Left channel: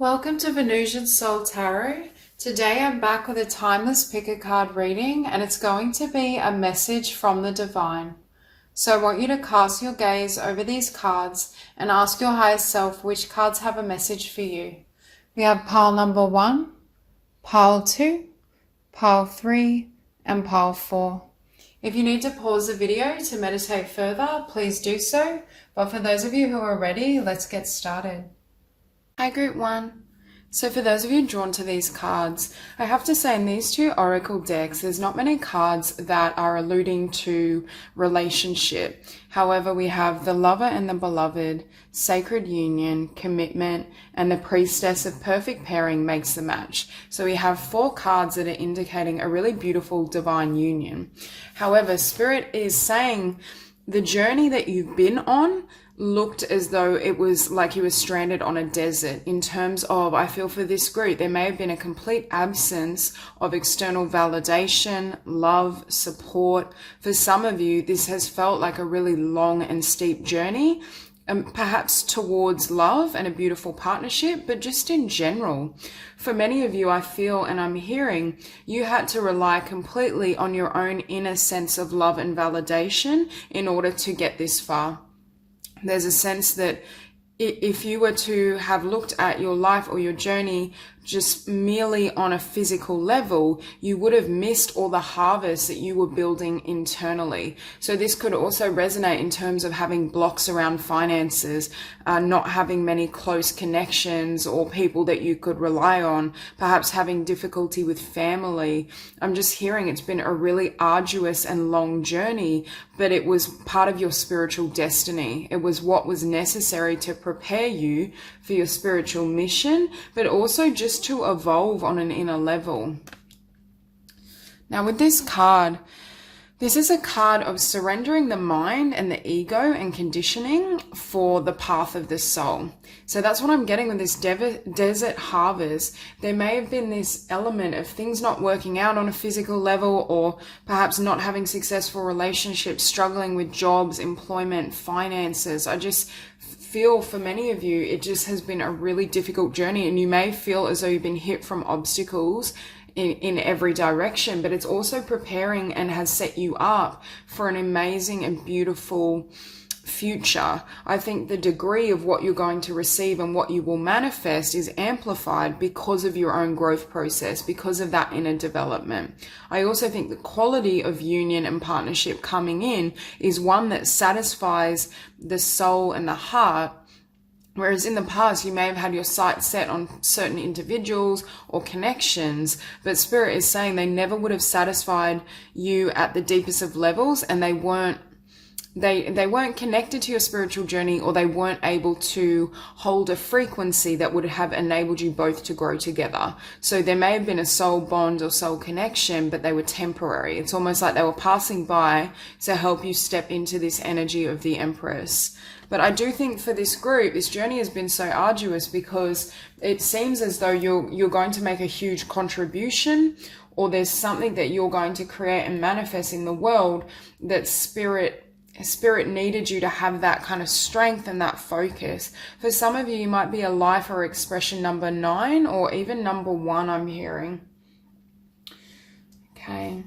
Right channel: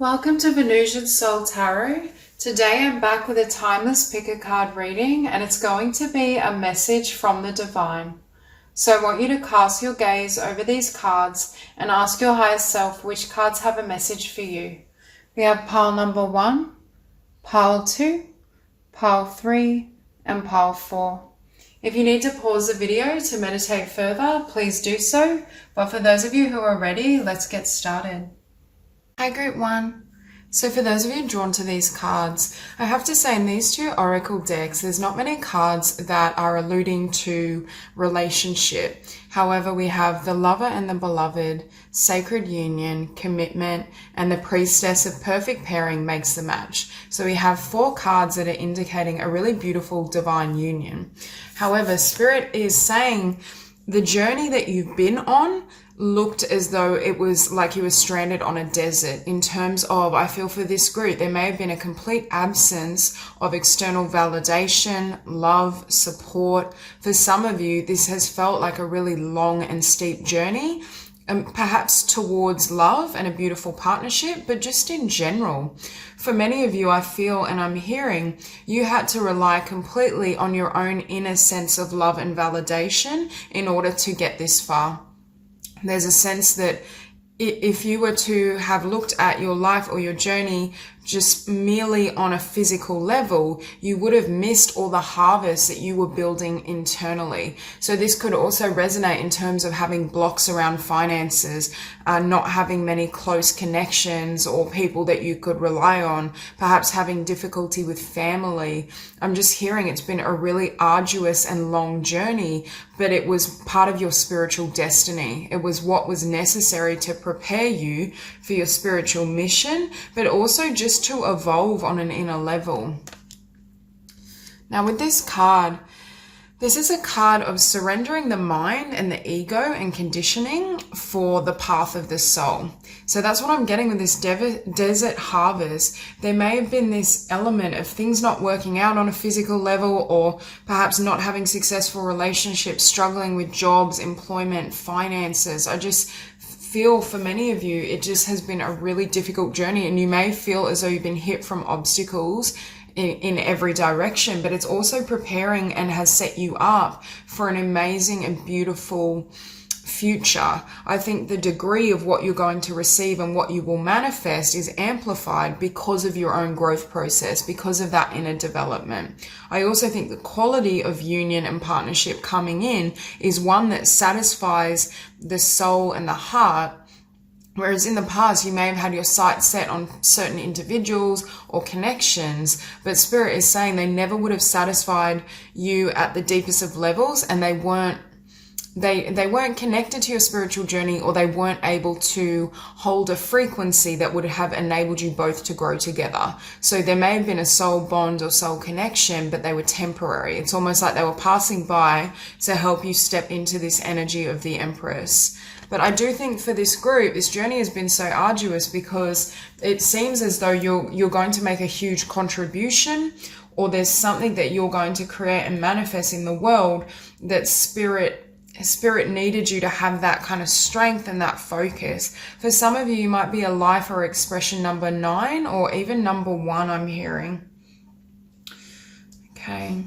Welcome to Venusian Soul Tarot. Today I'm back with a timeless pick a card reading, and it's going to be a message from the divine. So I want you to cast your gaze over these cards and ask your higher self which cards have a message for you. We have pile number 1, pile 2, pile 3, and pile 4. If you need to pause the video to meditate further, please do so. But for those of you who are ready, let's get started. Hi Group 1. So for those of you drawn to these cards, I have to say in these two Oracle decks, there's not many cards that are alluding to relationship. However, we have the Lover and the Beloved, Sacred Union, Commitment, and the Priestess of Perfect Pairing makes the match. So we have 4 cards that are indicating a really beautiful divine union. However, Spirit is saying the journey that you've been on looked as though it was like you were stranded on a desert in terms of, I feel for this group, there may have been a complete absence of external validation, love, support. For some of you, this has felt like a really long and steep journey, perhaps towards love and a beautiful partnership, but just in general. For many of you, I feel and I'm hearing, you had to rely completely on your own inner sense of love and validation in order to get this far. There's a sense that if you were to have looked at your life or your journey just merely on a physical level, you would have missed all the harvest that you were building internally. So this could also resonate in terms of having blocks around finances, not having many close connections or people that you could rely on, perhaps having difficulty with family. I'm just hearing it's been a really arduous and long journey, but it was part of your spiritual destiny. It was what was necessary to prepare you for your spiritual mission, but also just to evolve on an inner level. Now with this card, this is a card of surrendering the mind and the ego and conditioning for the path of the soul. So that's what I'm getting with this desert harvest. There may have been this element of things not working out on a physical level, or perhaps not having successful relationships, struggling with jobs, employment, finances. I just feel for many of you, it just has been a really difficult journey, and you may feel as though you've been hit from obstacles in every direction, but it's also preparing and has set you up for an amazing and beautiful future. I think the degree of what you're going to receive and what you will manifest is amplified because of your own growth process, because of that inner development. I also think the quality of union and partnership coming in is one that satisfies the soul and the heart. Whereas in the past, you may have had your sights set on certain individuals or connections, but Spirit is saying they never would have satisfied you at the deepest of levels, and they weren't connected to your spiritual journey, or they weren't able to hold a frequency that would have enabled you both to grow together. So there may have been a soul bond or soul connection, but they were temporary. It's almost like they were passing by to help you step into this energy of the Empress. But I do think for this group, this journey has been so arduous because it seems as though you're going to make a huge contribution, or there's something that you're going to create and manifest in the world that Spirit needed you to have that kind of strength and that focus. For some of you, you might be a life or expression number 9 or even number 1, I'm hearing. Okay.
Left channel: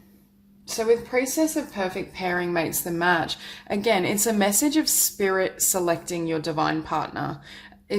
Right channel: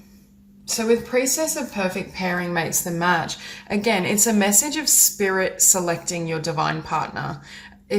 So with Priestess of Perfect Pairing makes the match, again, it's a message of Spirit selecting your divine partner.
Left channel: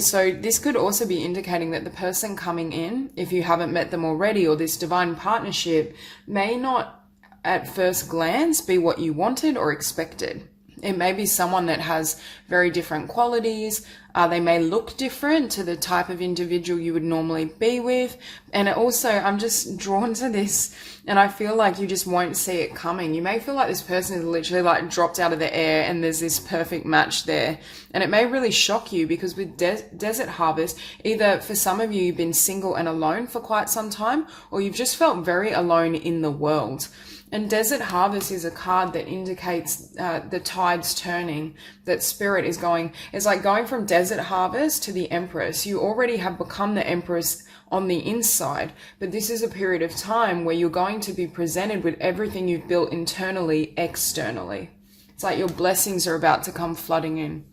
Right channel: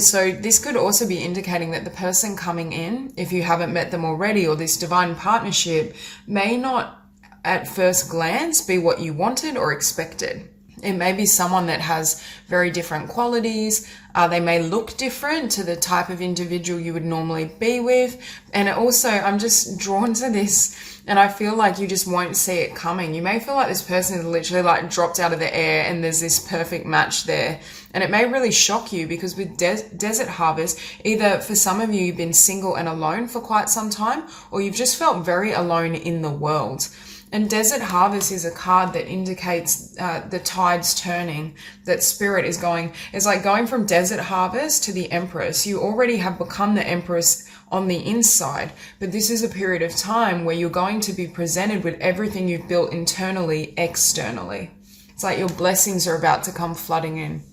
So this could also be indicating that the person coming in, if you haven't met them already, or this divine partnership may not at first glance be what you wanted or expected. It may be someone that has very different qualities. They may look different to the type of individual you would normally be with. And also, I'm just drawn to this, and I feel like you just won't see it coming. You may feel like this person is literally like dropped out of the air and there's this perfect match there. And it may really shock you because with Desert Harvest, either for some of you, you've been single and alone for quite some time, or you've just felt very alone in the world. And Desert Harvest is a card that indicates the tides turning, that Spirit is going. It's like going from Desert Harvest to the Empress. You already have become the Empress on the inside, but this is a period of time where you're going to be presented with everything you've built internally, externally. It's like your blessings are about to come flooding in.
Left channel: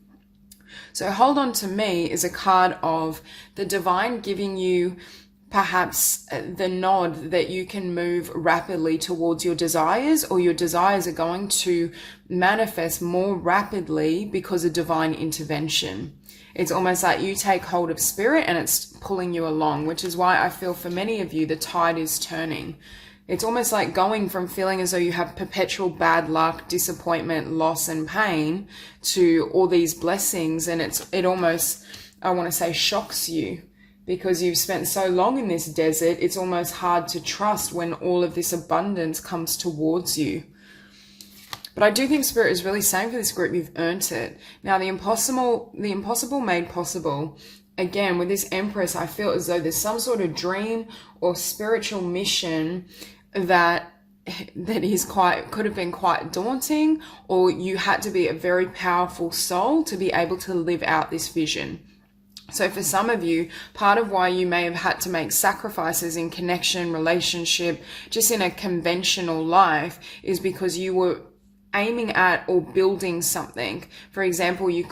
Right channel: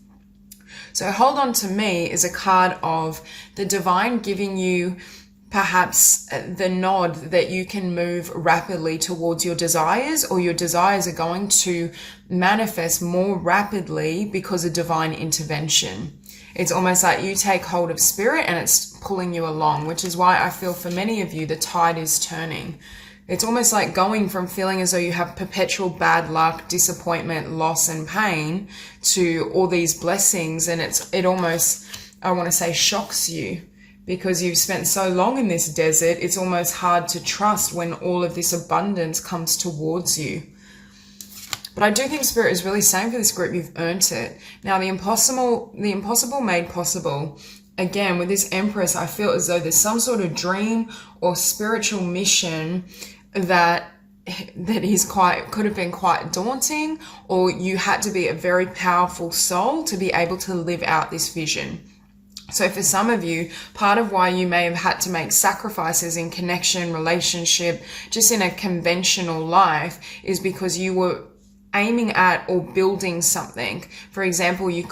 So hold on to me is a card of the divine giving you perhaps the nod that you can move rapidly towards your desires, or your desires are going to manifest more rapidly because of divine intervention. It's almost like you take hold of spirit and it's pulling you along, which is why I feel for many of you the tide is turning. It's almost like going from feeling as though you have perpetual bad luck, disappointment, loss and pain to all these blessings, and it almost, I want to say, shocks you. Because you've spent so long in this desert, it's almost hard to trust when all of this abundance comes towards you. But I do think Spirit is really saying for this group, you've earned it. Now, the impossible made possible. Again, with this Empress, I feel as though there's some sort of dream or spiritual mission that could have been quite daunting, or you had to be a very powerful soul to be able to live out this vision. So for some of you, part of why you may have had to make sacrifices in connection, relationship, just in a conventional life, is because you were aiming at or building something. For example, you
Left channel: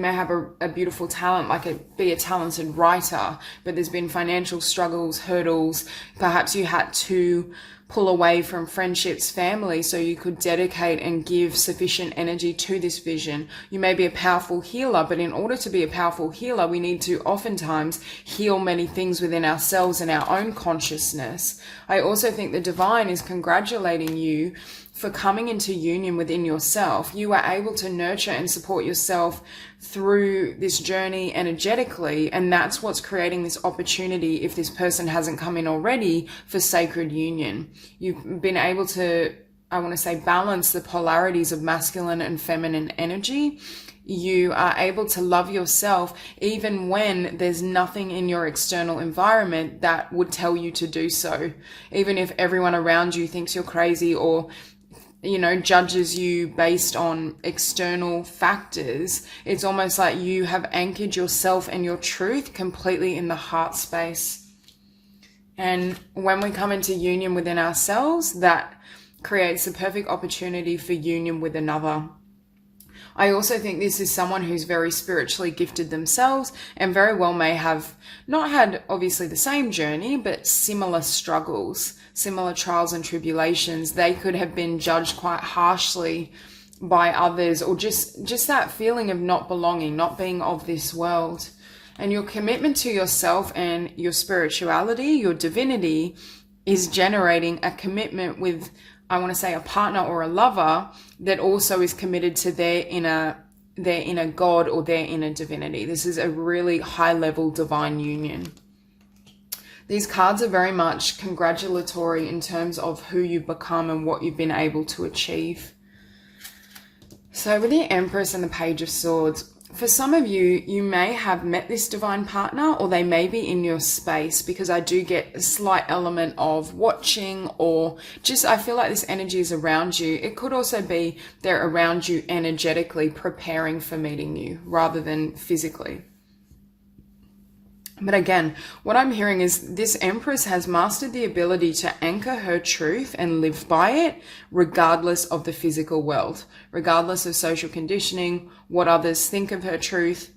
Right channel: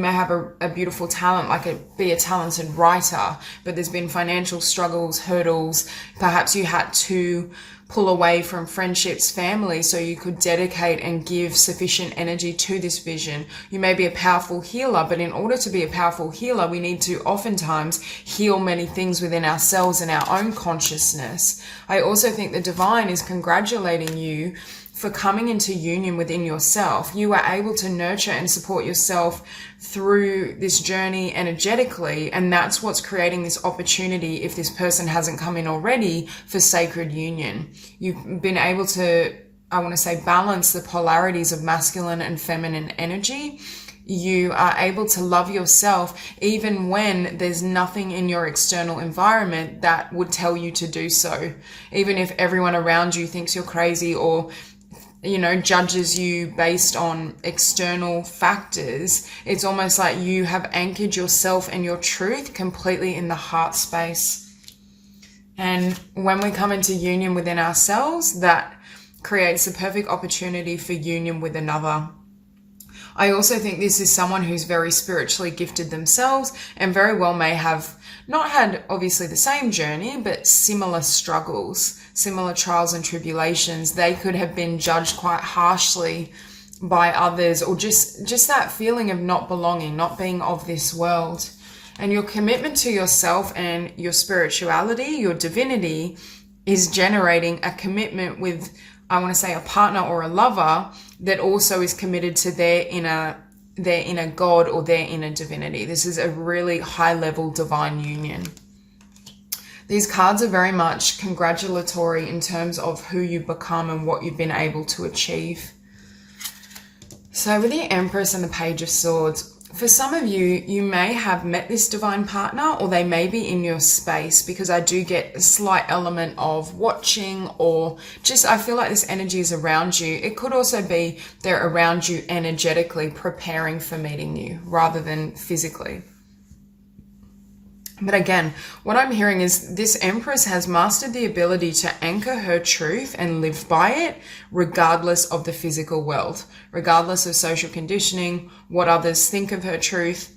may have a beautiful talent, be a talented writer, but there's been financial struggles, hurdles. Perhaps you had to pull away from friendships, family, so you could dedicate and give sufficient energy to this vision. You may be a powerful healer, but in order to be a powerful healer, we need to oftentimes heal many things within ourselves and our own consciousness. I also think the divine is congratulating you for coming into union within yourself. You are able to nurture and support yourself through this journey energetically, and that's what's creating this opportunity, if this person hasn't come in already, for sacred union. You've been able to, I want to say, balance the polarities of masculine and feminine energy. You are able to love yourself even when there's nothing in your external environment that would tell you to do so. Even if everyone around you thinks you're crazy or judges you based on external factors, it's almost like you have anchored yourself and your truth completely in the heart space. And when we come into union within ourselves, that creates a perfect opportunity for union with another. I also think this is someone who's very spiritually gifted themselves and very well may have not had obviously the same journey, but similar struggles, similar trials and tribulations. They could have been judged quite harshly by others, or just that feeling of not belonging, not being of this world. And your commitment to yourself and your spirituality, your divinity, is generating a commitment with, I want to say, a partner or a lover that also is committed to their inner God or their inner divinity. This is a really high level divine union. These cards are very much congratulatory in terms of who you've become and what you've been able to achieve. So with the Empress and the Page of Swords, for some of you, you may have met this divine partner, or they may be in your space, because I do get a slight element of watching, or just I feel like this energy is around you. It could also be they're around you energetically, preparing for meeting you rather than physically. But again, what I'm hearing is this Empress has mastered the ability to anchor her truth and live by it, regardless of the physical world, regardless of social conditioning, what others think of her truth,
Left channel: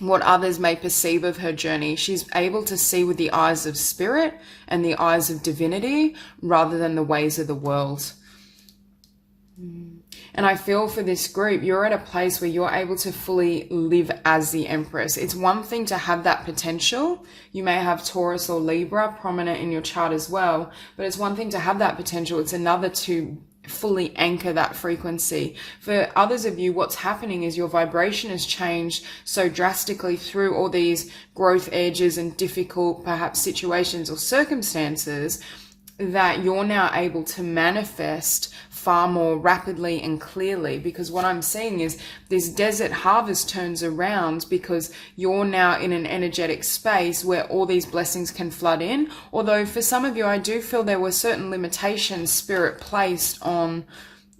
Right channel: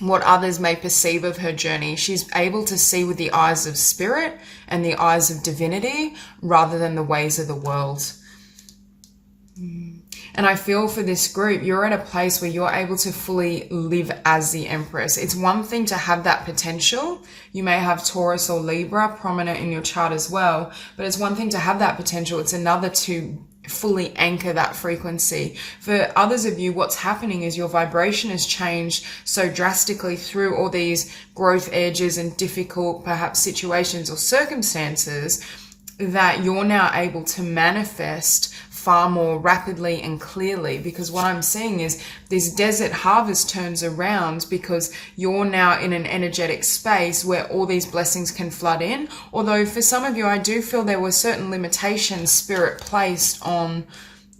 what others may perceive of her journey. She's able to see with the eyes of spirit and the eyes of divinity rather than the ways of the world. And I feel for this group, you're at a place where you're able to fully live as the Empress. It's one thing to have that potential. You may have Taurus or Libra prominent in your chart as well, but it's one thing to have that potential. It's another to fully anchor that frequency. For others of you, what's happening is your vibration has changed so drastically through all these growth edges and difficult perhaps situations or circumstances that you're now able to manifest far more rapidly and clearly, because what I'm seeing is this desert harvest turns around because you're now in an energetic space where all these blessings can flood in. Although for some of you, I do feel there were certain limitations spirit placed on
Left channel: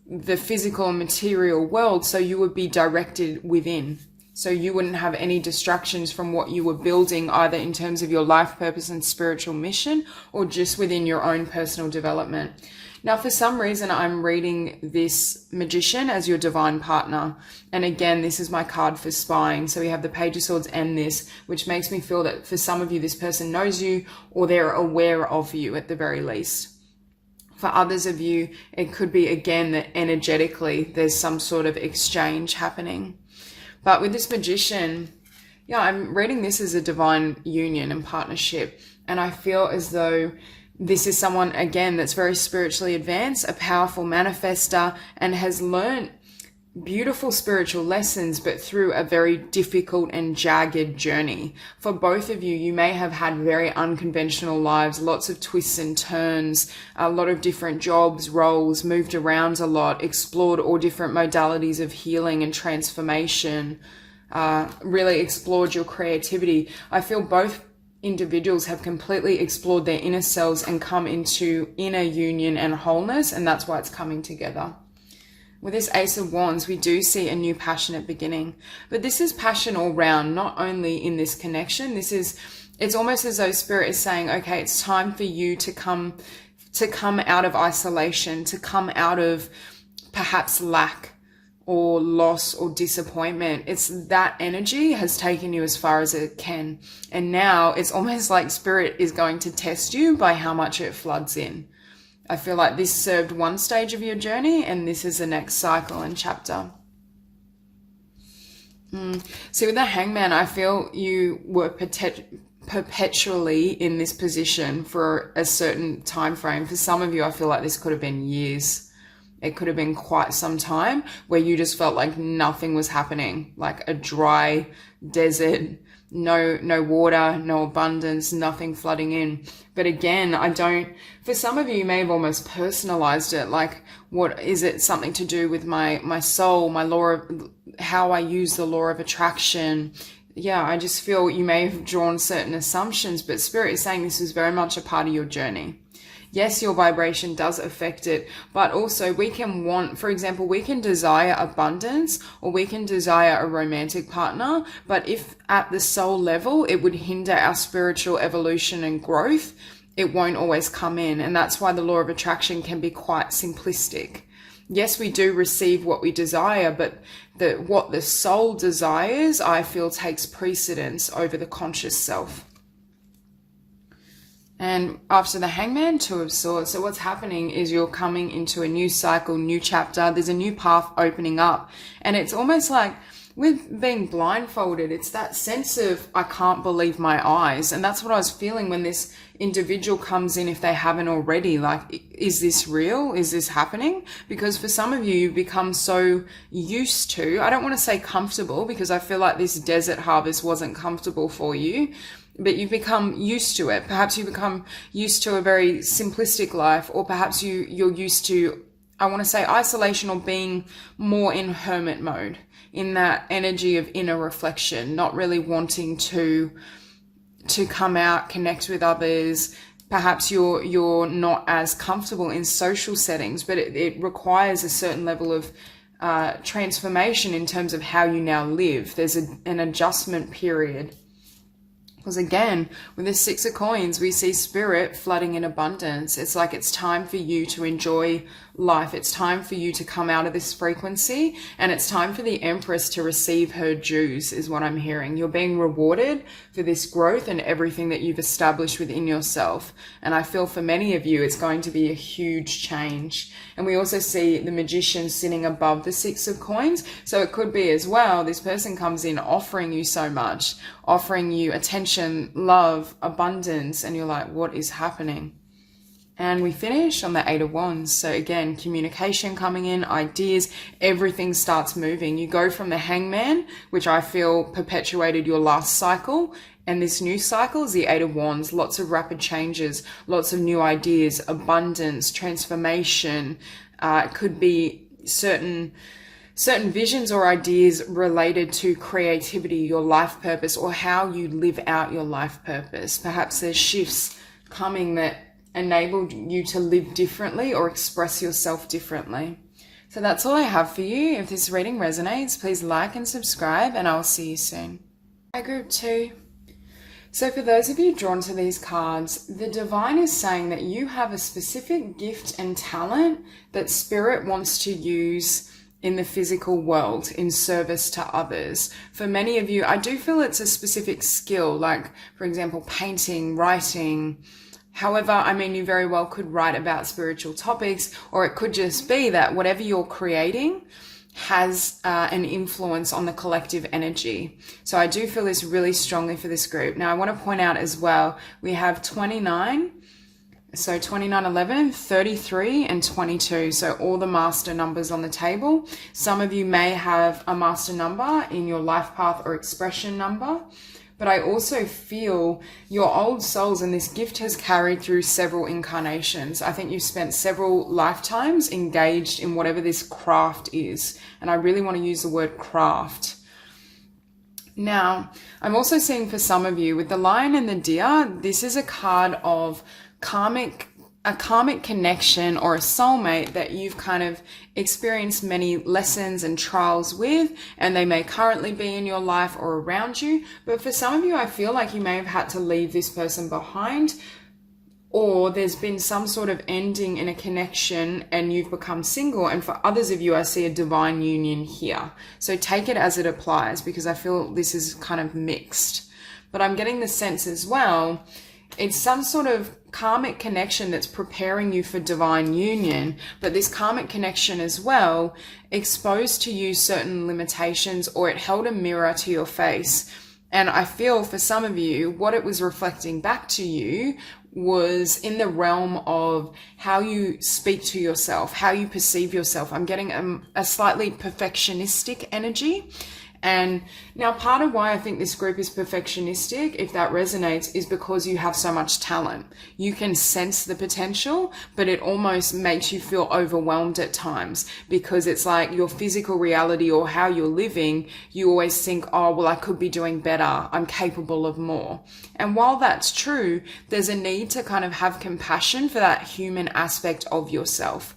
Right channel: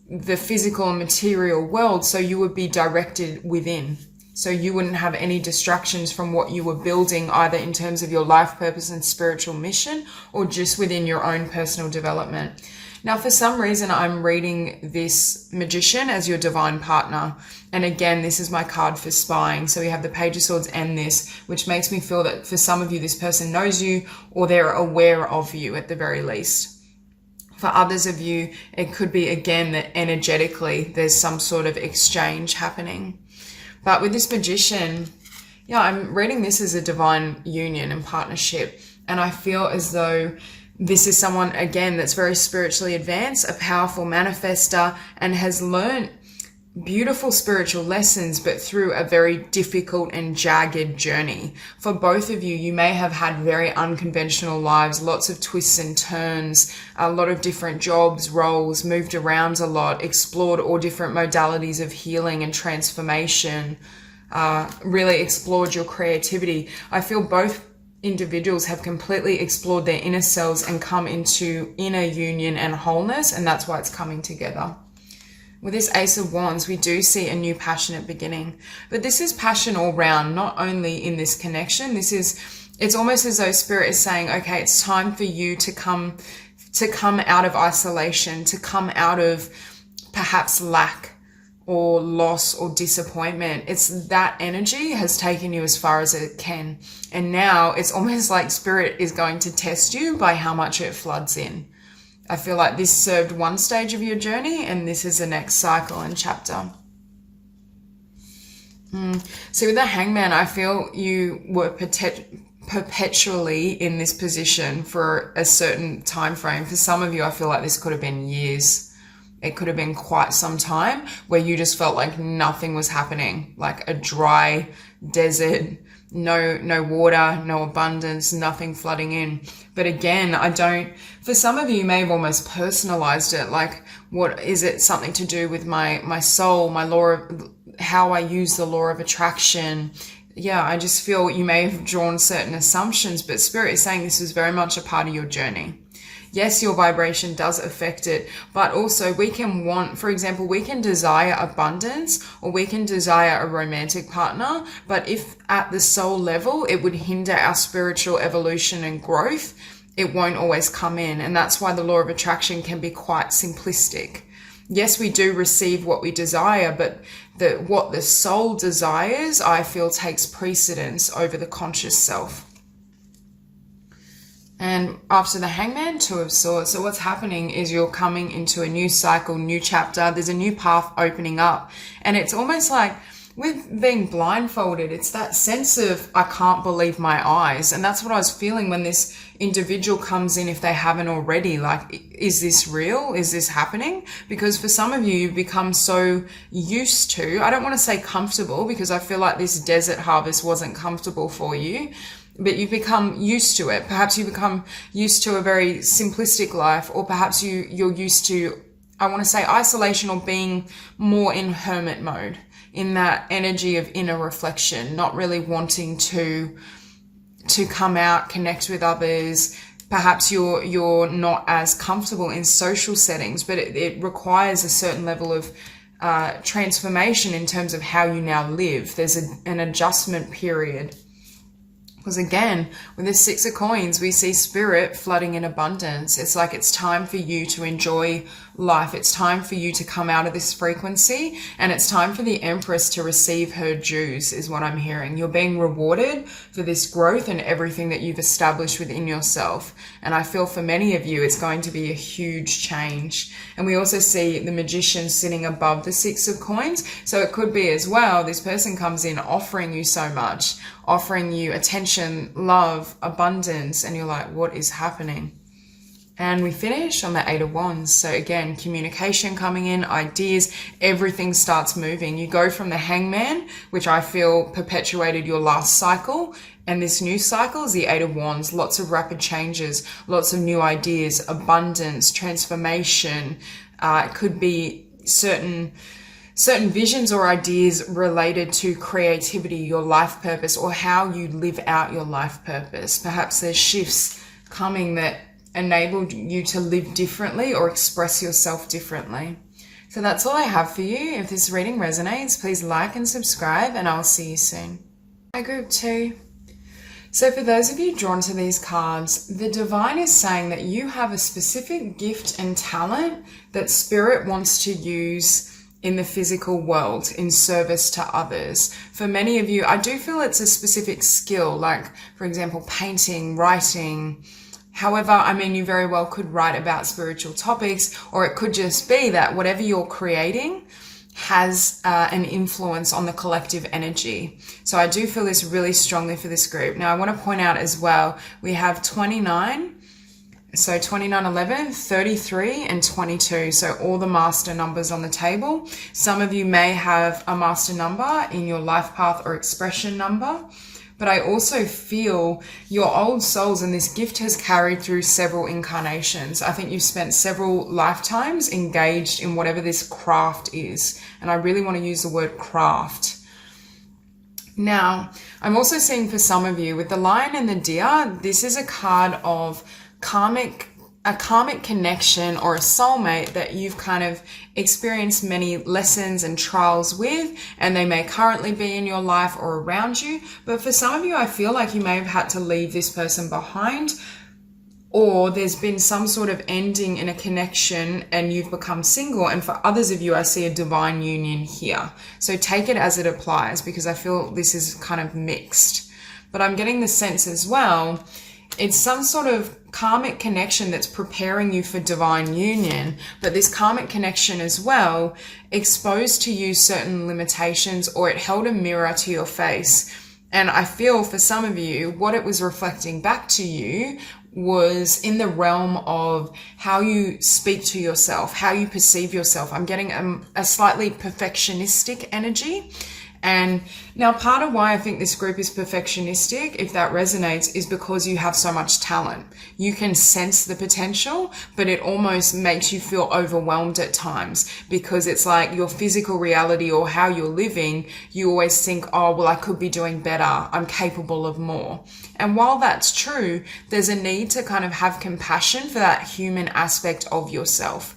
the physical and material world, so you would be directed within. So you wouldn't have any distractions from what you were building, either in terms of your life purpose and spiritual mission, or just within your own personal development. Now, for some reason, I'm reading this Magician as your divine partner. And again, this is my card for spying. So we have the Page of Swords and this, which makes me feel that for some of you, this person knows you or they're aware of you at the very least. For others of you, it could be, again, that energetically there's some sort of exchange happening. But with this Magician, yeah, I'm reading this as a divine union and partnership. And I feel as though this is someone, again, that's very spiritually advanced, a powerful manifester, and has learned beautiful spiritual lessons, but through a very difficult and jagged journey. For both of you, you may have had very unconventional lives, lots of twists and turns, a lot of different jobs, roles, moved around a lot, explored all different modalities of healing and transformation, really explored your creativity. I feel both individuals have completely explored their inner selves and come into inner union and wholeness, and that's why it's coming together. With this Ace of Wands, we do see a new passionate beginning, but this is passion all round, not only in this connection. It's almost as though Spirit is saying, okay, it's time for you to come out of isolation, to come out of perhaps lack or loss or disappointment. It's that energy has taken you as far as it can. And now it's almost like Spirit is going to test you by how much it floods in. I feel like this served one stage of your journey and this is the next cycle and chapter. So with the Hangman, I feel you were perpetually in this position for a certain time frame. For some of you, I feel like this could have been years. It could have been quite some time where you just felt like nothing was happening, like a dry desert, no water, no abundance, nothing flooding in. But again, for some of you, you may have almost personalized it. Like, what is it? Something to do with my soul, my law of how I use the law of attraction. Yeah, I just feel you may have drawn certain assumptions, but Spirit is saying this is very much a part of your journey. Yes, your vibration does affect it, but also we can want, for example, we can desire abundance or we can desire a romantic partner, but if at the soul level it would hinder our spiritual evolution and growth, it won't always come in. And that's why the law of attraction can be quite simplistic. Yes, we do receive what we desire, but what the soul desires, I feel, takes precedence over the conscious self. And after the Hangman, Two of Swords. So what's happening is you're coming into a new cycle, new chapter. There's a new path opening up. And it's almost like with being blindfolded, it's that sense of, I can't believe my eyes. And that's what I was feeling when this individual comes in, if they haven't already. Like, is this real? Is this happening? Because for some of you, you've become so used to, I don't want to say comfortable, because I feel like this desert harvest wasn't comfortable for you, but you've become used to it. Perhaps you become used to a very simplistic life, or perhaps you're used to, I want to say, isolation, or being more in hermit mode, in that energy of inner reflection, not really wanting to come out, connect with others. Perhaps you're not as comfortable in social settings, but it requires a certain level of transformation in terms of how you now live. There's an adjustment period. Because again, with this Six of Coins, we see Spirit flooding in abundance. It's like it's time for you to enjoy life. It's time for you to come out of this frequency, and it's time for the Empress to receive her dues, is what I'm hearing. You're being rewarded for this growth and everything that you've established within yourself. And I feel for many of you, it's going to be a huge change. And we also see the Magician sitting above the Six of Coins. So it could be as well, this person comes in offering you so much, offering you attention, love, abundance, and you're like, what is happening? And we finish on the Eight of Wands. So again, communication coming in, ideas, everything starts moving. You go from the Hangman, which I feel perpetuated your last cycle, and this new cycle is the Eight of Wands. Lots of rapid changes, lots of new ideas, abundance, transformation. It could be certain visions or ideas related to creativity, your life purpose, or how you live out your life purpose. Perhaps there's shifts coming that enabled you to live differently or express yourself differently. So that's all I have for you. If this reading resonates, please like and subscribe, and I'll see you soon. Hi, Group 2. So for those of you drawn to these cards, the divine is saying that you have a specific gift and talent that spirit wants to use in the physical world in service to others. For many of you, I do feel it's a specific skill, like, for example, painting, writing. However, I mean, you very well could write about spiritual topics, or it could just be that whatever you're creating has an influence on the collective energy. So I do feel this really strongly for this group. Now, I want to point out as well, we have 29, so 29, 11, 33, and 22. So all the master numbers on the table. Some of you may have a master number in your life path or expression number. But I also feel your old souls, and this gift has carried through several incarnations. I think you've spent several lifetimes engaged in whatever this craft is. And I really want to use the word craft. Now, I'm also seeing for some of you with the lion and the deer, this is a card of a karmic connection or a soulmate that you've kind of experienced many lessons and trials with, and they may currently be in your life or around you. But for some of you, I feel like you may have had to leave this person behind, or there's been some sort of ending in a connection and you've become single. And for others of you, I see a divine union here. So take it as it applies, because I feel this is kind of mixed. But I'm getting the sense as well, it's some sort of karmic connection that's preparing you for divine union, but this karmic connection as well exposed to you certain limitations, or it held a mirror to your face. And I feel for some of you, what it was reflecting back to you was in the realm of how you speak to yourself, how you perceive yourself. I'm getting a slightly perfectionistic energy. And now part of why I think this group is perfectionistic, if that resonates, is because you have so much talent. You can sense the potential, but it almost makes you feel overwhelmed at times, because it's like your physical reality or how you're living, you always think, oh, well, I could be doing better. I'm capable of more. And while that's true, there's a need to kind of have compassion for that human aspect of yourself,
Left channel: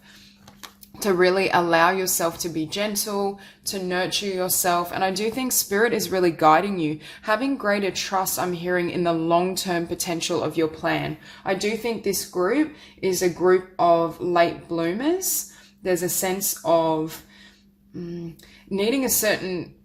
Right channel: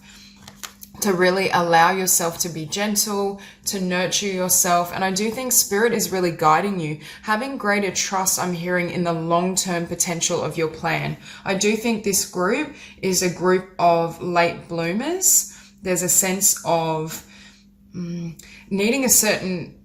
to really allow yourself to be gentle, to nurture yourself. And I do think spirit is really guiding you, having greater trust, I'm hearing, in the long-term potential of your plan. I do think this group is a group of late bloomers. There's a sense of needing a certain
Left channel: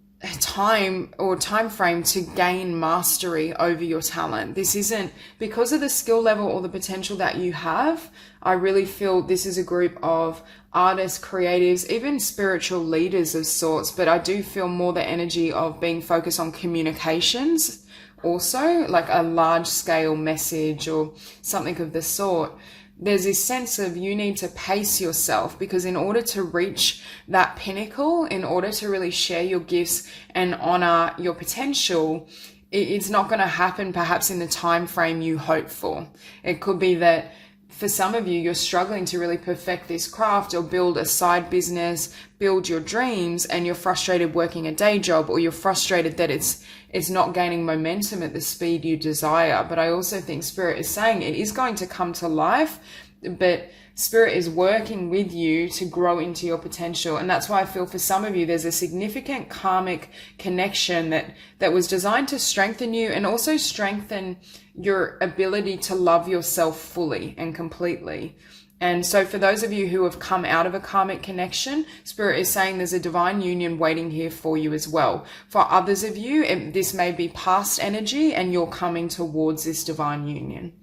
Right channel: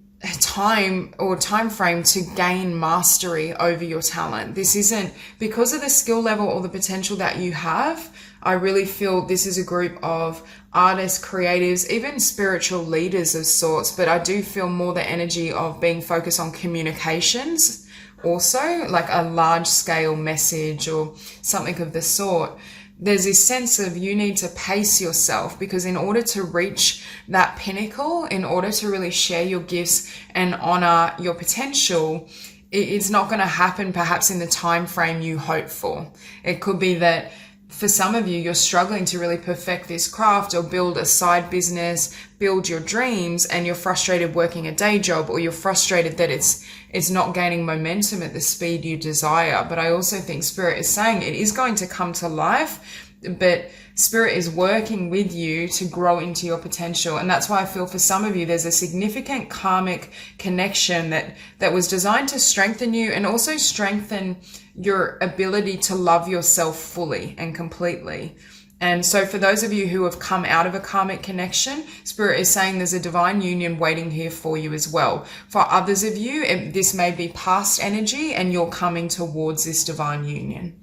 time or time frame to gain mastery over your talent. This isn't because of the skill level or the potential that you have. I really feel this is a group of artists, creatives, even spiritual leaders of sorts, but I do feel more the energy of being focused on communications also, like a large scale message or something of the sort. There's this sense of you need to pace yourself, because in order to reach that pinnacle, in order to really share your gifts and honor your potential, it's not going to happen perhaps in the time frame you hope for. It could be that for some of you, you're struggling to really perfect this craft or build a side business, build your dreams, and you're frustrated working a day job, or you're frustrated that it's not gaining momentum at the speed you desire. But I also think Spirit is saying it is going to come to life, but Spirit is working with you to grow into your potential. And that's why I feel for some of you, there's a significant karmic connection that was designed to strengthen you and also strengthen your ability to love yourself fully and completely. And so for those of you who have come out of a karmic connection, Spirit is saying there's a divine union waiting here for you as well. For others of you, this may be past energy and you're coming towards this divine union.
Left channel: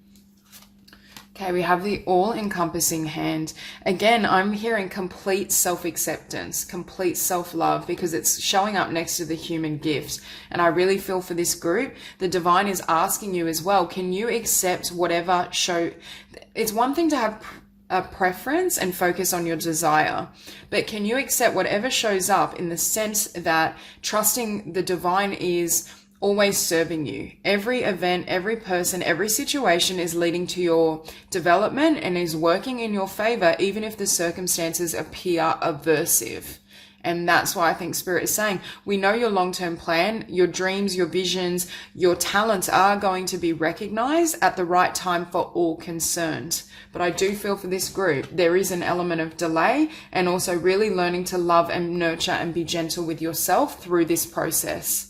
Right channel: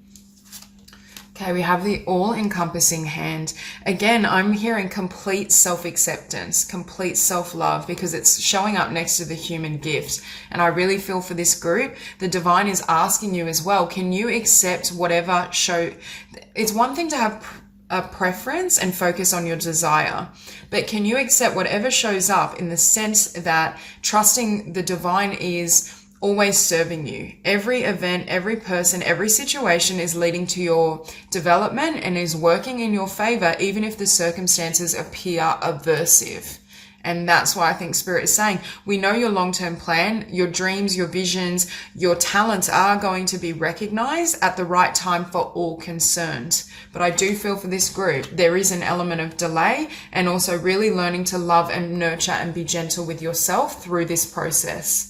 Okay, we have the all-encompassing hand. Again, I'm hearing complete self-acceptance, complete self-love, because it's showing up next to the human gift. And I really feel for this group, the divine is asking you as well, can you accept whatever it's one thing to have a preference and focus on your desire, but can you accept whatever shows up, in the sense that trusting the divine is always serving you. Every event, every person, every situation is leading to your development and is working in your favor, even if the circumstances appear aversive. And that's why I think Spirit is saying, we know your long-term plan, your dreams, your visions, your talents are going to be recognized at the right time for all concerned. But I do feel for this group, there is an element of delay, and also really learning to love and nurture and be gentle with yourself through this process.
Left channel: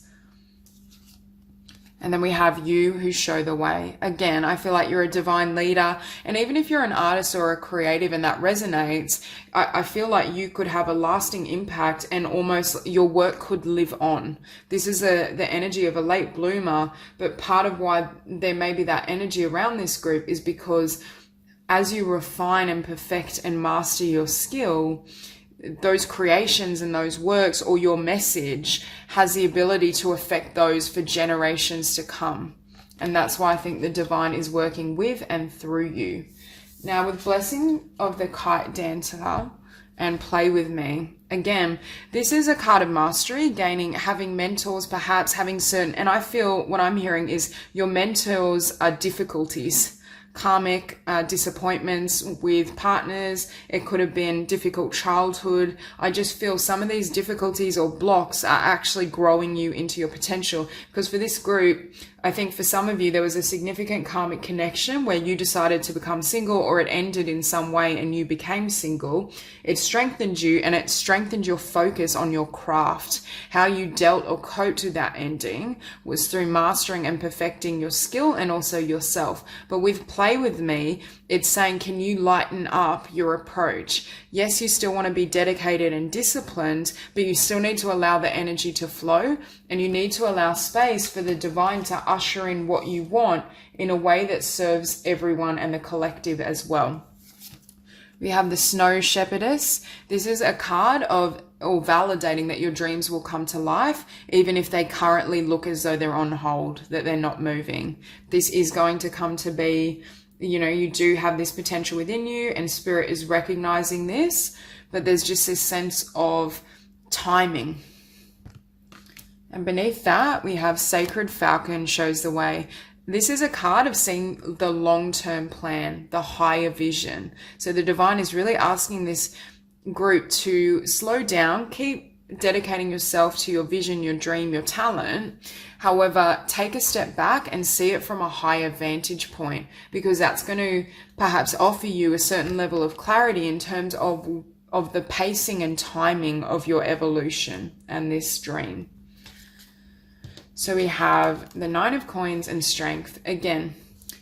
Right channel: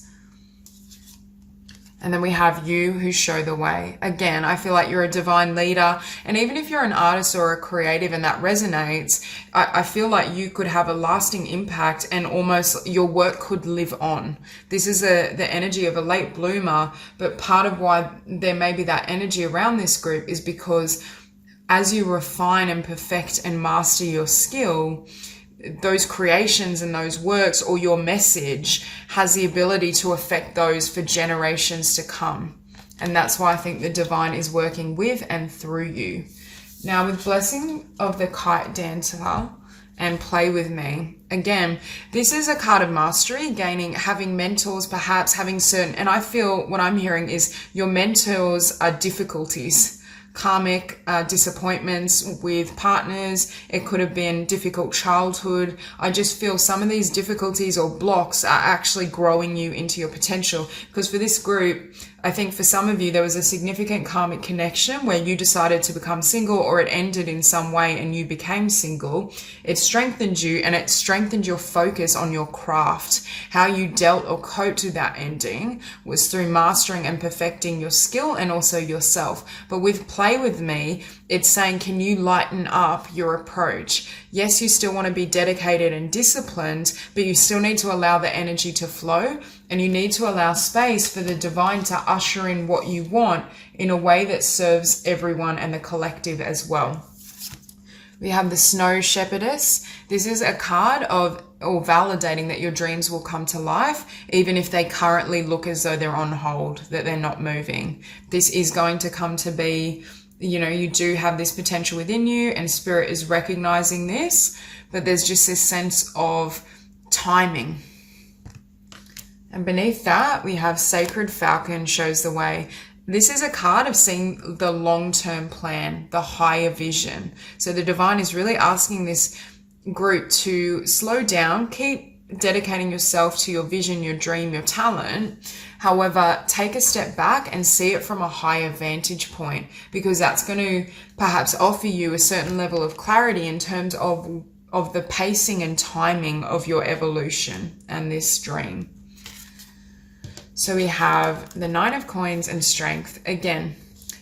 And then we have you who show the way. Again, I feel like you're a divine leader. And even if you're an artist or a creative and that resonates, I feel like you could have a lasting impact and almost your work could live on. This is the energy of a late bloomer, but part of why there may be that energy around this group is because as you refine and perfect and master your skill, those creations and those works or your message has the ability to affect those for generations to come. And that's why I think the divine is working with and through you. Now, with blessing of the kite dancer and play with me, again, this is a card of mastery, having mentors, perhaps having certain, and I feel what I'm hearing is your mentors are difficulties. Karmic disappointments with partners. It could have been difficult childhood. I just feel some of these difficulties or blocks are actually growing you into your potential, because for this group, I think for some of you, there was a significant karmic connection where you decided to become single, or it ended in some way and you became single. It strengthened you, and it strengthened your focus on your craft. How you dealt or coped with that ending was through mastering and perfecting your skill and also yourself. But with play with me, it's saying, can you lighten up your approach? Yes, you still want to be dedicated and disciplined, but you still need to allow the energy to flow, and you need to allow space for the divine to usher in what you want in a way that serves everyone and the collective as well. We have the Snow Shepherdess. This is a card of validating that your dreams will come to life, even if they currently look as though they're on hold, that they're not moving. This is going to come to be, you do have this potential within you, and Spirit is recognizing this, but there's just this sense of timing. And beneath that, we have Sacred Falcon shows the way. This is a card of seeing the long-term plan, the higher vision. So the divine is really asking this group to slow down, keep dedicating yourself to your vision, your dream, your talent. However, take a step back and see it from a higher vantage point, because that's going to perhaps offer you a certain level of clarity in terms of the pacing and timing of your evolution and this dream. So we have the Knight of Coins and Strength. Again,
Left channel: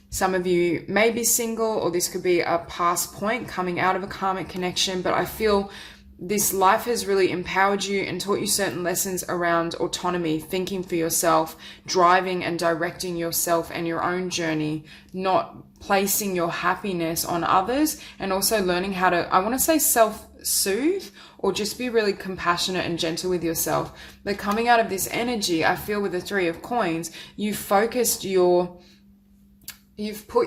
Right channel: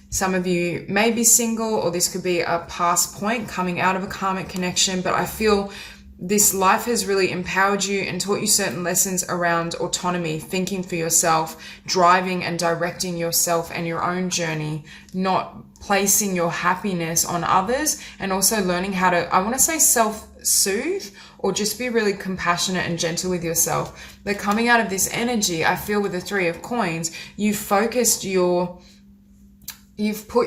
some of you may be single, or this could be a past point coming out of a karmic connection, but I feel this life has really empowered you and taught you certain lessons around autonomy, thinking for yourself, driving and directing yourself and your own journey, not placing your happiness on others, and also learning how to, I want to say, self-soothe, or just be really compassionate and gentle with yourself. But coming out of this energy, I feel with the Three of Coins, you've put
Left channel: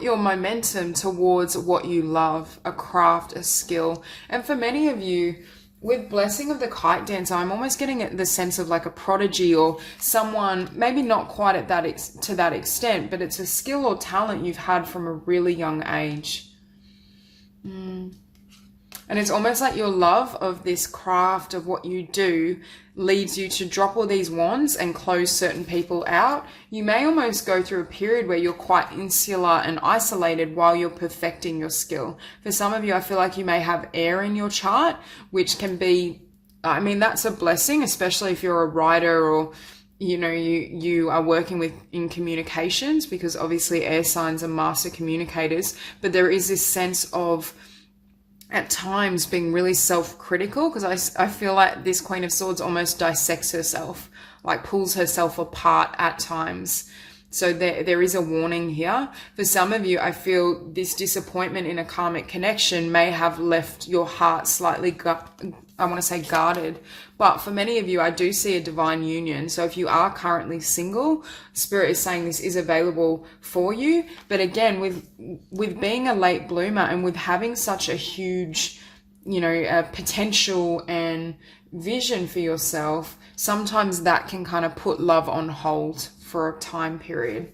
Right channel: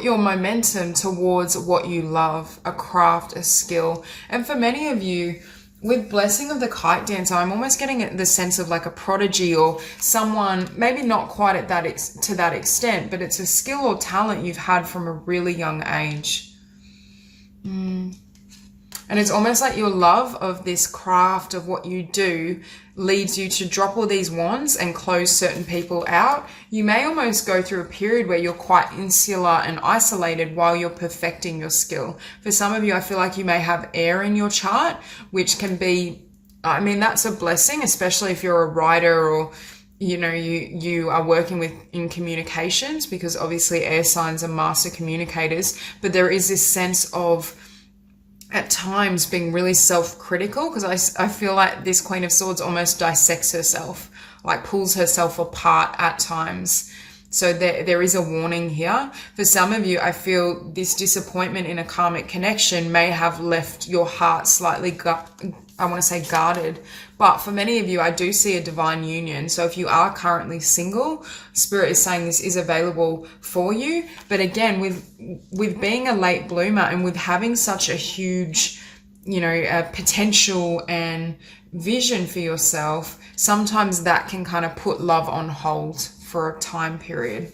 your momentum towards what you love, a craft, a skill. And for many of you, with blessing of the kite dancer, I'm almost getting the sense of like a prodigy, or someone, maybe not quite at to that extent, but it's a skill or talent you've had from a really young age. And it's almost like your love of this craft, of what you do, leads you to drop all these wands and close certain people out. You may almost go through a period where you're quite insular and isolated while you're perfecting your skill. For some of you, I feel like you may have air in your chart, which can be, that's a blessing, especially if you're a writer, or you are working in communications, because obviously air signs are master communicators. But there is this sense of, at times, being really self-critical, because I feel like this Queen of Swords almost dissects herself, like pulls herself apart at times. So there is a warning here. For some of you, I feel this disappointment in a karmic connection may have left your heart slightly, guarded. But for many of you, I do see a divine union. So if you are currently single, Spirit is saying this is available for you. But again, with being a late bloomer and with having such a huge, potential and vision for yourself, sometimes that can kind of put love on hold for a time period.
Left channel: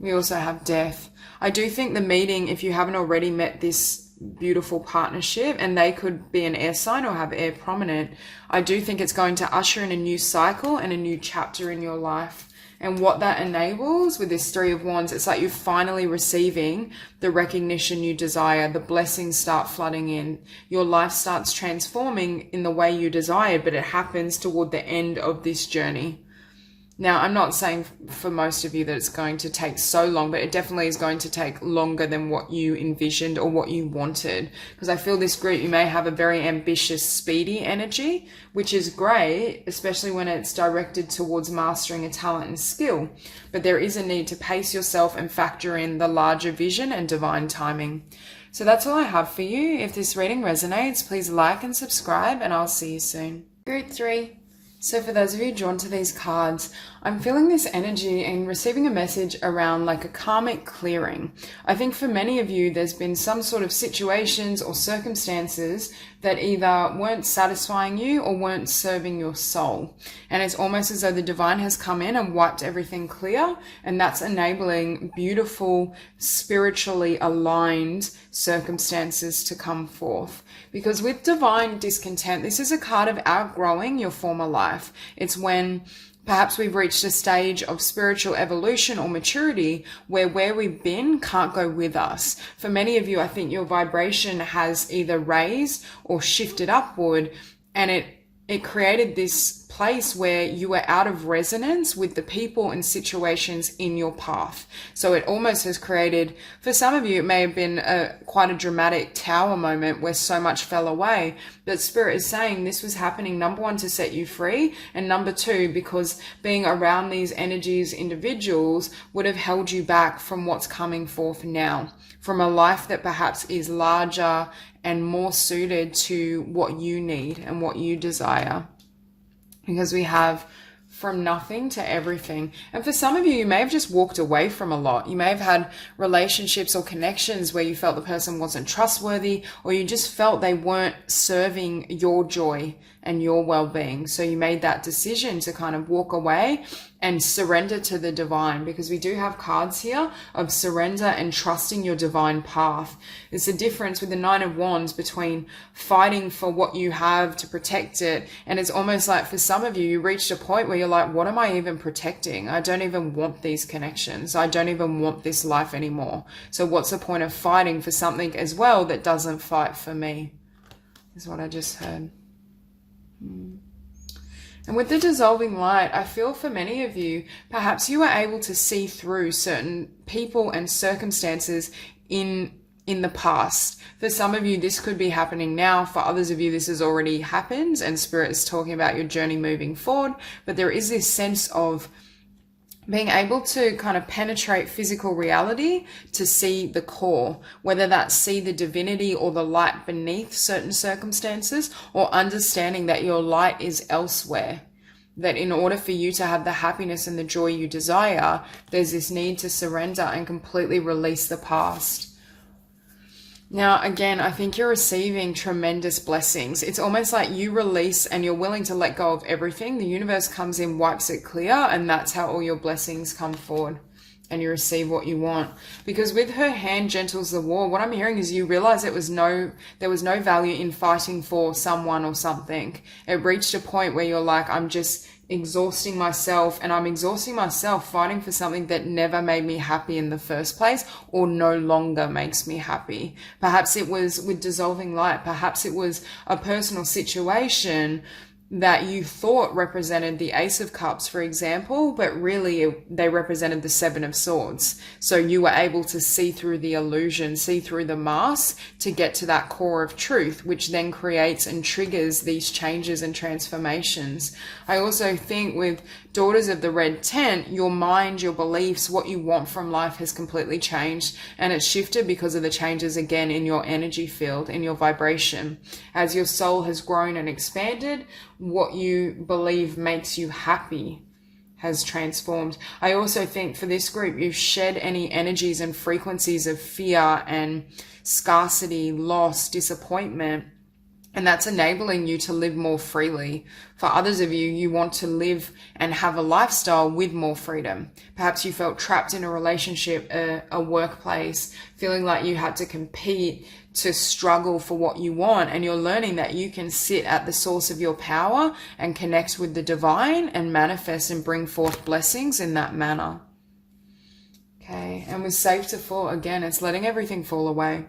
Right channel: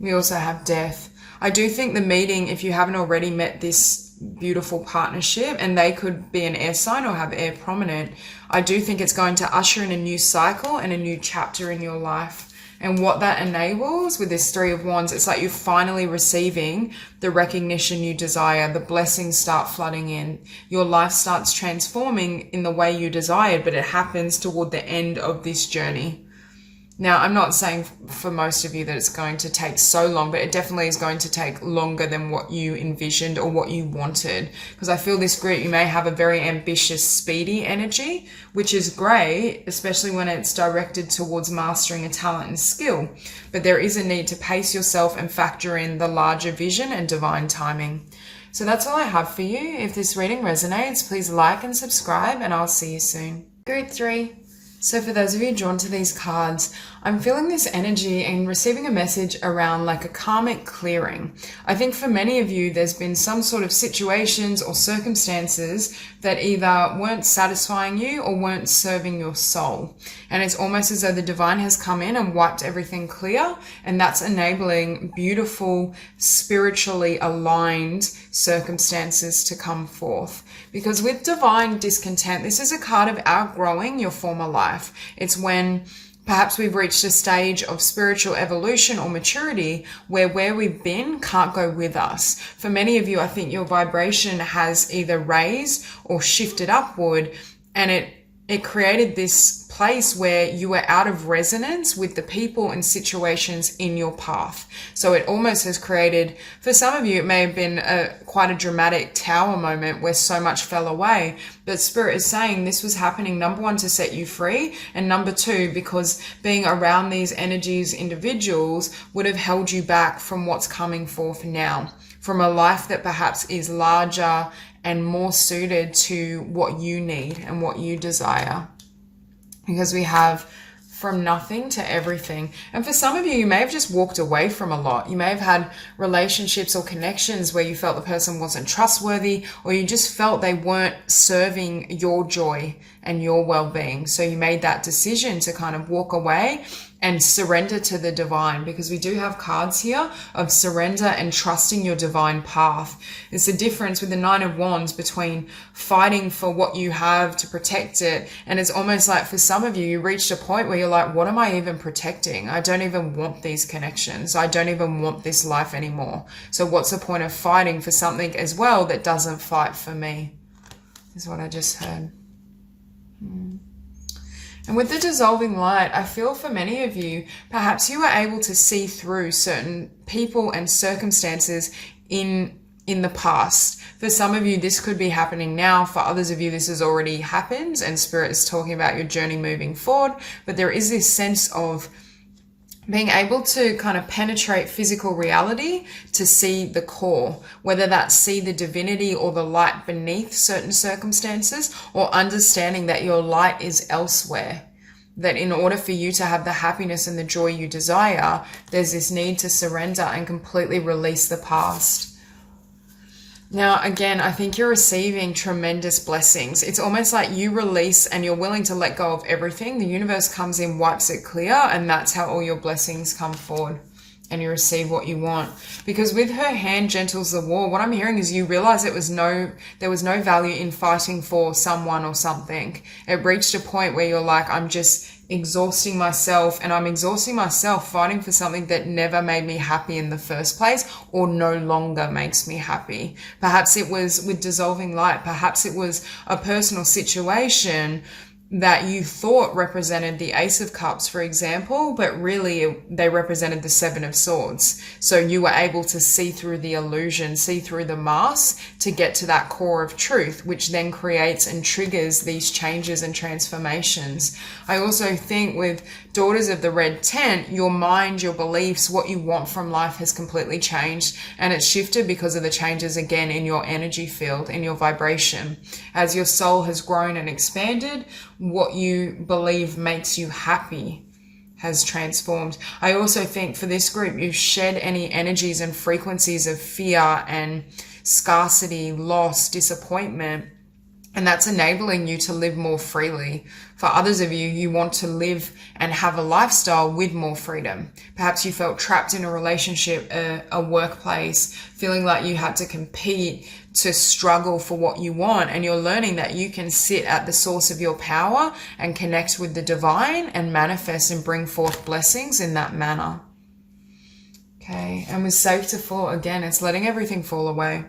We also have Death. I do think the meeting, if you haven't already met this beautiful partnership, and they could be an air sign or have air prominent, I do think it's going to usher in a new cycle and a new chapter in your life. And what that enables with this Three of Wands, it's like you're finally receiving the recognition you desire. The blessings start flooding in. Your life starts transforming in the way you desired, but it happens toward the end of this journey. Now, I'm not saying for most of you that it's going to take so long, but it definitely is going to take longer than what you envisioned or what you wanted. Because I feel this group, you may have a very ambitious, speedy energy, which is great, especially when it's directed towards mastering a talent and skill. But there is a need to pace yourself and factor in the larger vision and divine timing. So that's all I have for you. If this reading resonates, please like and subscribe, and I'll see you soon. Group 3. So for those of you drawn to these cards, I'm feeling this energy and receiving a message around like a karmic clearing. I think for many of you, there's been some sort of situations or circumstances that either weren't satisfying you or weren't serving your soul. And it's almost as though the divine has come in and wiped everything clear, and that's enabling beautiful, spiritually aligned circumstances to come forth. Because with divine discontent, this is a card of outgrowing your former life. It's when perhaps we've reached a stage of spiritual evolution or maturity where we've been can't go with us. For many of you, I think your vibration has either raised or shifted upward, and it created this place where you were out of resonance with the people and situations in your path. So it almost has created, for some of you, it may have been quite a dramatic tower moment where so much fell away. But Spirit is saying this was happening, number one, to set you free, and number two, because being around these energies, individuals, would have held you back from what's coming forth now, from a life that perhaps is larger and more suited to what you need and what you desire. Because we have from nothing to everything. And for some of you, you may have just walked away from a lot. You may have had relationships or connections where you felt the person wasn't trustworthy, or you just felt they weren't serving your joy and your well-being. So you made that decision to kind of walk away and surrender to the divine, because we do have cards here of surrender and trusting your divine path. It's the difference with the Nine of Wands between fighting for what you have to protect it, and it's almost like for some of you, you reached a point where you're like, what am I even protecting? I don't even want these connections. I don't even want this life anymore. So what's the point of fighting for something as well that doesn't fight for me? Is what I just heard. And with the dissolving light, I feel for many of you, perhaps you were able to see through certain people and circumstances in the past. For some of you, this could be happening now. For others of you, this has already happened, and Spirit is talking about your journey moving forward. But there is this sense of being able to kind of penetrate physical reality to see the core, whether that's see the divinity or the light beneath certain circumstances, or understanding that your light is elsewhere. That in order for you to have the happiness and the joy you desire, there's this need to surrender and completely release the past. Now, again, I think you're receiving tremendous blessings. It's almost like you release and you're willing to let go of everything. The universe comes in, wipes it clear, and that's how all your blessings come forward and you receive what you want. Because with her hand gentles the war, what I'm hearing is you realize there was no value in fighting for someone or something. It reached a point where you're like, I'm just exhausting myself, and I'm exhausting myself fighting for something that never made me happy in the first place, or no longer makes me happy. Perhaps it was with dissolving light. Perhaps it was a personal situation that you thought represented the Ace of Cups, for example, but really they represented the Seven of Swords. So you were able to see through the illusion, see through the mask to get to that core of truth, which then creates and triggers these changes and transformations. I also think with Daughters of the Red Tent, your mind, your beliefs, what you want from life has completely changed, and it's shifted because of the changes again in your energy field, in your vibration. As your soul has grown and expanded, what you believe makes you happy has transformed. I also think for this group, you've shed any energies and frequencies of fear and scarcity, loss, disappointment, and that's enabling you to live more freely. For others of you, you want to live and have a lifestyle with more freedom. Perhaps you felt trapped in a relationship, a workplace, feeling like you had to compete, to struggle for what you want, and you're learning that you can sit at the source of your power and connect with the divine and manifest and bring forth blessings in that manner. Okay, and with safe to fall, again, it's letting everything fall away.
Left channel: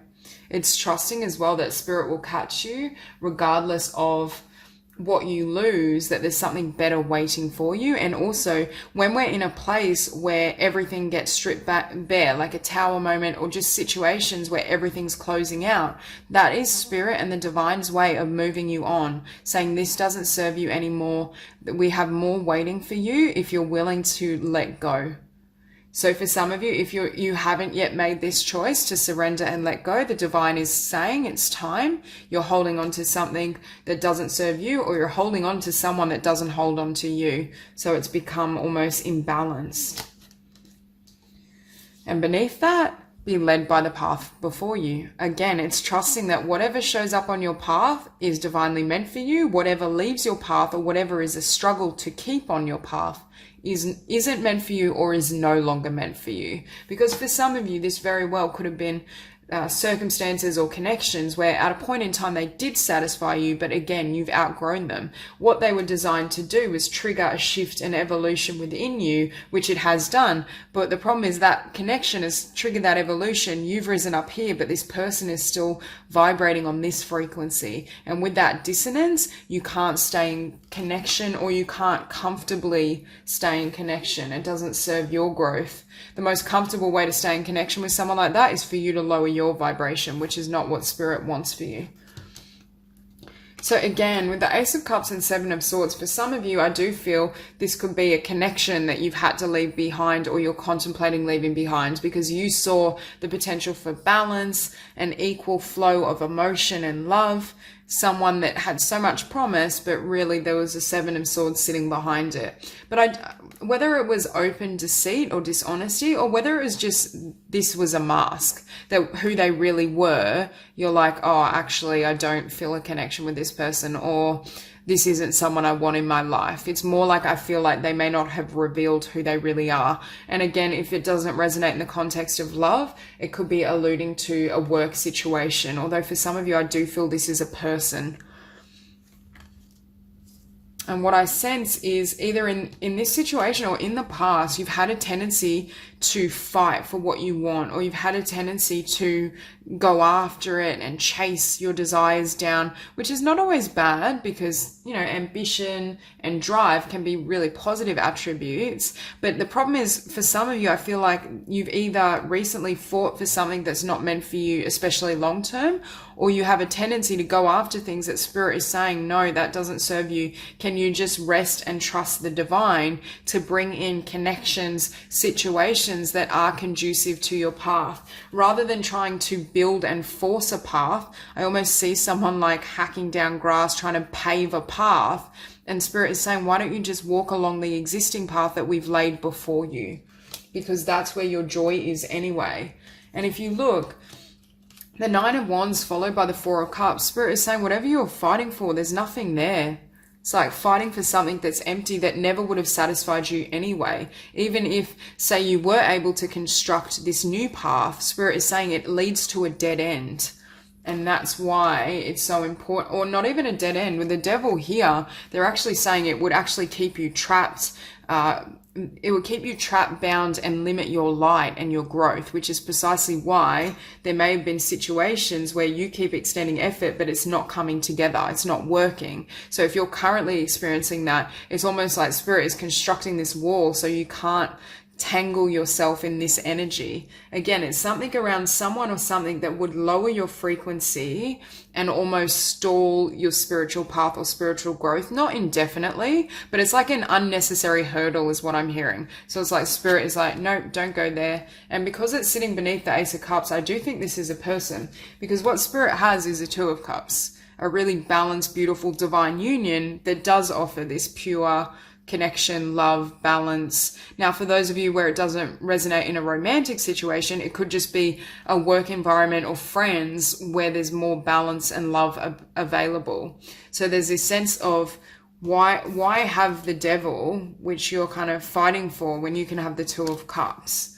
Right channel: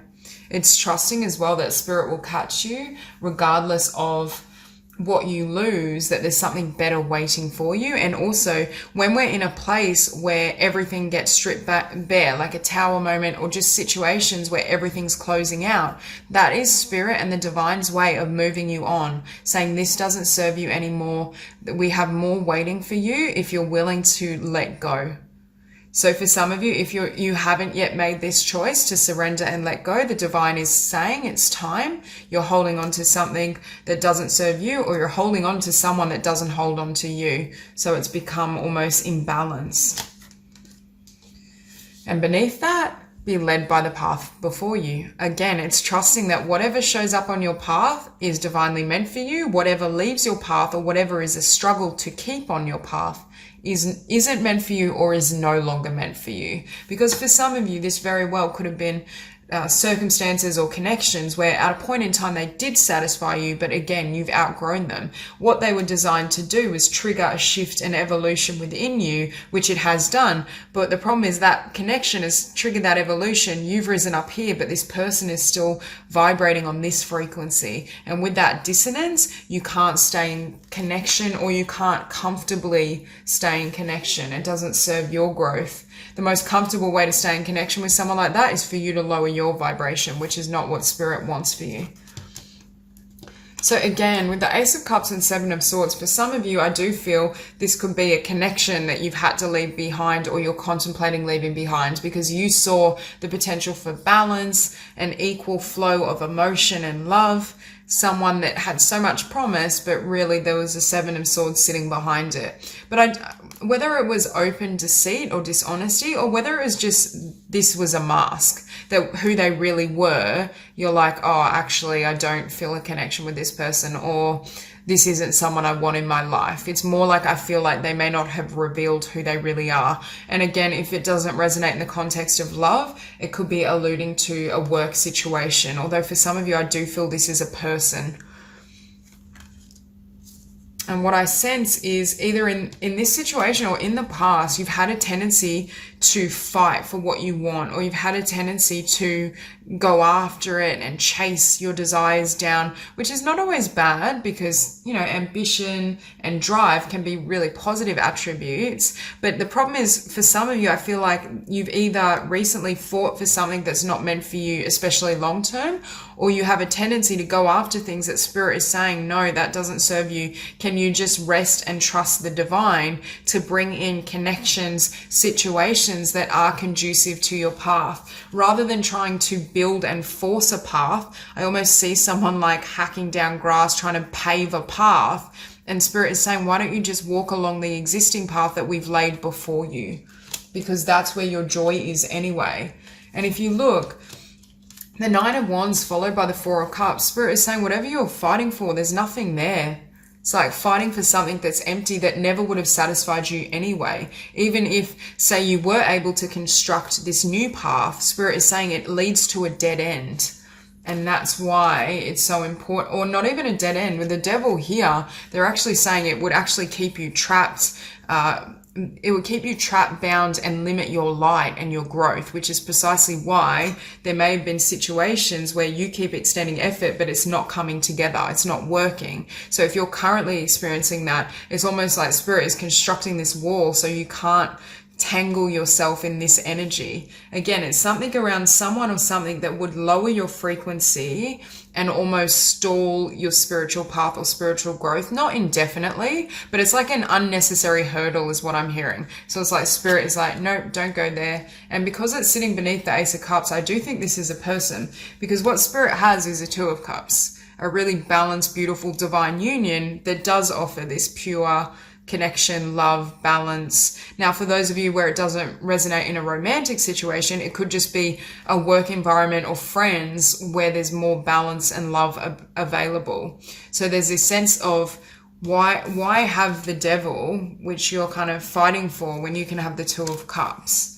It's trusting as well that Spirit will catch you regardless of what you lose, that there's something better waiting for you. And also, when we're in a place where everything gets stripped back bare, like a tower moment, or just situations where everything's closing out, that is spirit and the divine's way of moving you on, saying this doesn't serve you anymore. We have more waiting for you if you're willing to let go. So for some of you, if you haven't yet made this choice to surrender and let go, the divine is saying it's time. You're holding on to something that doesn't serve you, or you're holding on to someone that doesn't hold on to you. So it's become almost imbalanced. And beneath that, be led by the path before you. Again, it's trusting that whatever shows up on your path is divinely meant for you. Whatever leaves your path, or whatever is a struggle to keep on your path, isn't meant for you, or is no longer meant for you. Because for some of you, this very well could have been circumstances or connections where at a point in time they did satisfy you, but again, you've outgrown them. What they were designed to do was trigger a shift and evolution within you, which it has done. But the problem is that connection has triggered that evolution. You've risen up here, but this person is still vibrating on this frequency. And with that dissonance, you can't stay in connection, or you can't comfortably stay in connection. It doesn't serve your growth. The most comfortable way to stay in connection with someone like that is for you to lower your vibration, which is not what spirit wants for you. So again, with the Ace of Cups and Seven of Swords, for some of you, I do feel this could be a connection that you've had to leave behind, or you're contemplating leaving behind, because you saw the potential for balance, an equal flow of emotion and love, someone that had so much promise, but really there was a Seven of Swords sitting behind it. But whether it was open deceit or dishonesty, or whether it was just this was a mask, that who they really were, you're like, oh, actually, I don't feel a connection with this person, or this isn't someone I want in my life. It's more like I feel like they may not have revealed who they really are. And again, if it doesn't resonate in the context of love, it could be alluding to a work situation. Although for some of you, I do feel this is a person. And what I sense is either in this situation or in the past, you've had a tendency to fight for what you want, or you've had a tendency to go after it and chase your desires down, which is not always bad, because, you know, ambition and drive can be really positive attributes. But the problem is, for some of you, I feel like you've either recently fought for something that's not meant for you, especially long term, or you have a tendency to go after things that spirit is saying, no, that doesn't serve you. Can you just rest and trust the divine to bring in connections, situations that are conducive to your path, rather than trying to build and force a path? I almost see someone like hacking down grass, trying to pave a path, and spirit is saying, why don't you just walk along the existing path that we've laid before you? Because that's where your joy is anyway. And if you look, the Nine of Wands followed by the Four of Cups, spirit is saying whatever you're fighting for, there's nothing there. It's like fighting for something that's empty, that never would have satisfied you anyway. Even if, say, you were able to construct this new path, spirit is saying it leads to a dead end. And that's why it's so important, or not even a dead end. With the Devil here, they're actually saying it would actually keep you trapped. It would keep you trapped, bound, and limit your light and your growth, which is precisely why there may have been situations where you keep extending effort, but it's not coming together. It's not working. So if you're currently experiencing that, it's almost like spirit is constructing this wall so you can't tangle yourself in this energy. Again, it's something around someone or something that would lower your frequency and almost stall your spiritual path or spiritual growth, not indefinitely, but it's like an unnecessary hurdle is what I'm hearing. So it's like spirit is like, no, don't go there. And because it's sitting beneath the Ace of Cups, I do think this is a person, because what spirit has is a Two of Cups, a really balanced, beautiful, divine union that does offer this pure connection, love, balance. Now, for those of you where it doesn't resonate in a romantic situation, it could just be a work environment or friends where there's more balance and love available. So there's this sense of why have the Devil, which you're kind of fighting for, when you can have the Two of Cups?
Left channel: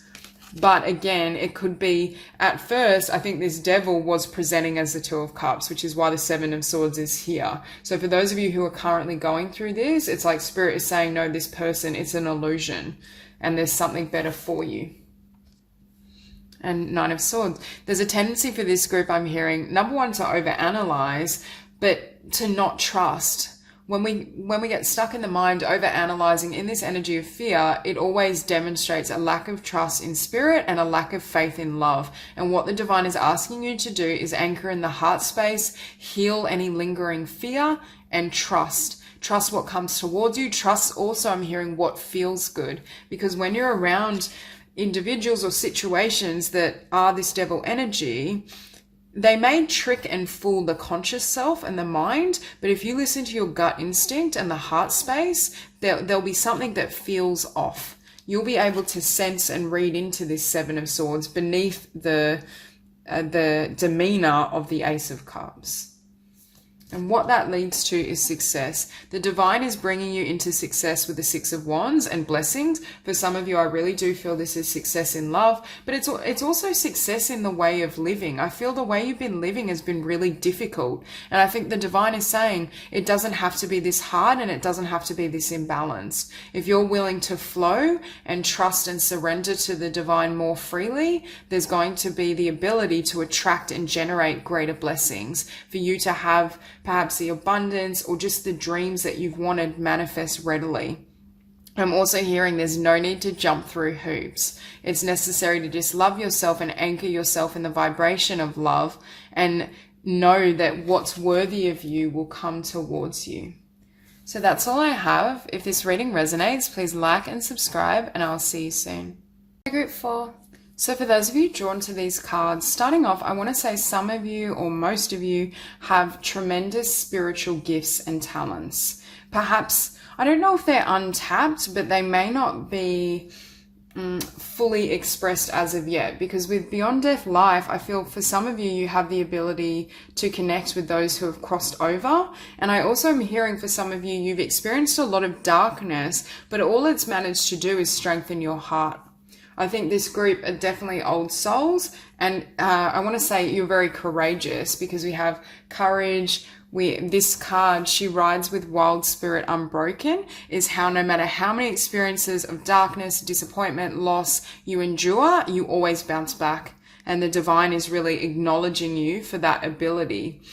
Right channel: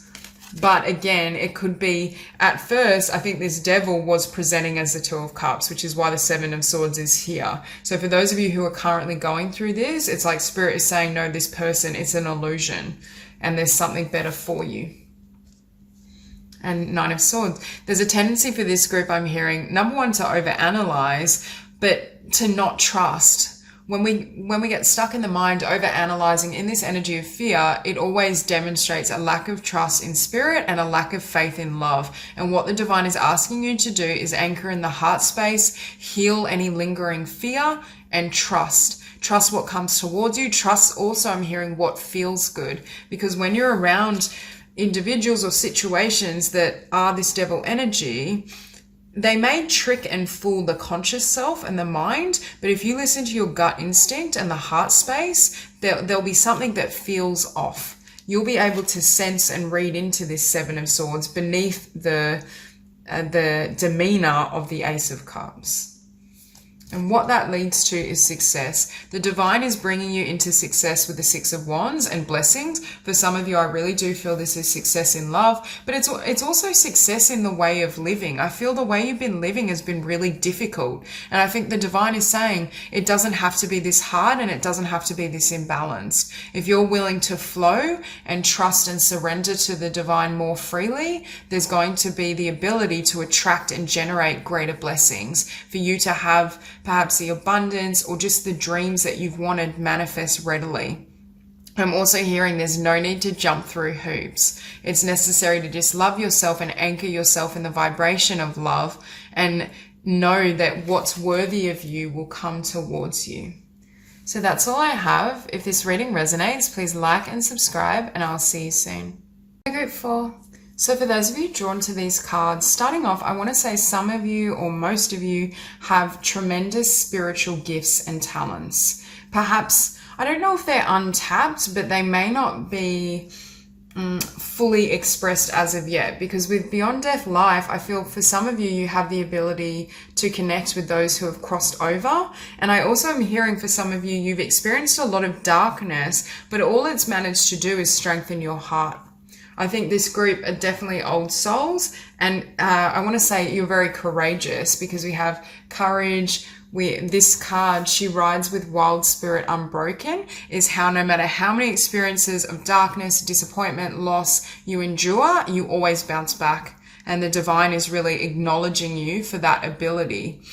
But again, it could be, at first, I think this Devil was presenting as the Two of Cups, which is why the Seven of Swords is here. So for those of you who are currently going through this, it's like spirit is saying, no, this person, it's an illusion, and there's something better for you. And Nine of Swords. There's a tendency for this group, I'm hearing, number one, to overanalyze, but to not trust. when we get stuck in the mind over analyzing in this energy of fear, it always demonstrates a lack of trust in spirit and a lack of faith in love. And what the divine is asking you to do is anchor in the heart space, heal any lingering fear, and trust. Trust what comes towards you. Trust also, I'm hearing, what feels good. Because when you're around individuals or situations that are this devil energy, they may trick and fool the conscious self and the mind, but if you listen to your gut instinct and the heart space, there'll be something that feels off. You'll be able to sense and read into this Seven of Swords beneath the demeanor of the Ace of Cups. And what that leads to is success. The divine is bringing you into success with the Six of Wands and blessings. For some of you, I really do feel this is success in love, but it's also success in the way of living. I feel the way you've been living has been really difficult. And I think the divine is saying it doesn't have to be this hard and it doesn't have to be this imbalanced. If you're willing to flow and trust and surrender to the divine more freely, there's going to be the ability to attract and generate greater blessings for you to have perhaps the abundance or just the dreams that you've wanted manifest readily. I'm also hearing there's no need to jump through hoops. It's necessary to just love yourself and anchor yourself in the vibration of love and know that what's worthy of you will come towards you. So that's all I have. If this reading resonates, please like and subscribe, and I'll see you soon. Group 4. So for those of you drawn to these cards, starting off, I want to say some of you or most of you have tremendous spiritual gifts and talents. Perhaps, I don't know if they're untapped, but they may not be fully expressed as of yet, because with Beyond Death Life, I feel for some of you, you have the ability to connect with those who have crossed over. And I also am hearing for some of you, you've experienced a lot of darkness, but all it's managed to do is strengthen your heart. I think this group are definitely old souls, and I want to say you're very courageous, because we have courage. This card, she rides with wild spirit unbroken, is how no matter how many experiences of darkness, disappointment, loss you endure, you always bounce back. And the divine is really acknowledging you for that ability.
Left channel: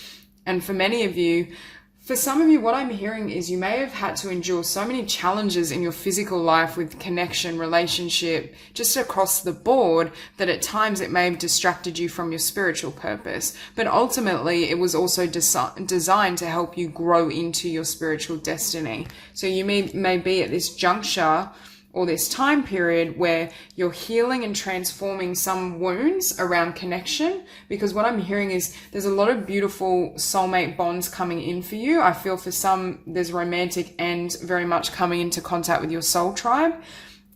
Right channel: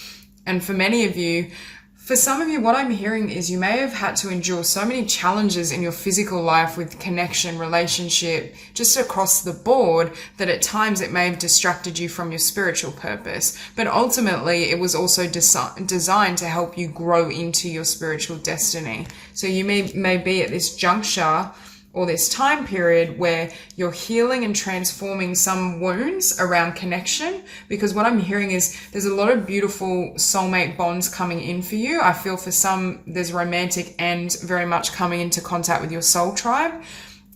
And for many of you, for some of you, what I'm hearing is you may have had to endure so many challenges in your physical life with connection, relationship, just across the board, that at times it may have distracted you from your spiritual purpose. But ultimately, it was also designed to help you grow into your spiritual destiny. So you may be at this juncture or this time period where you're healing and transforming some wounds around connection, because what I'm hearing is there's a lot of beautiful soulmate bonds coming in for you. I feel for some there's romantic and very much coming into contact with your soul tribe.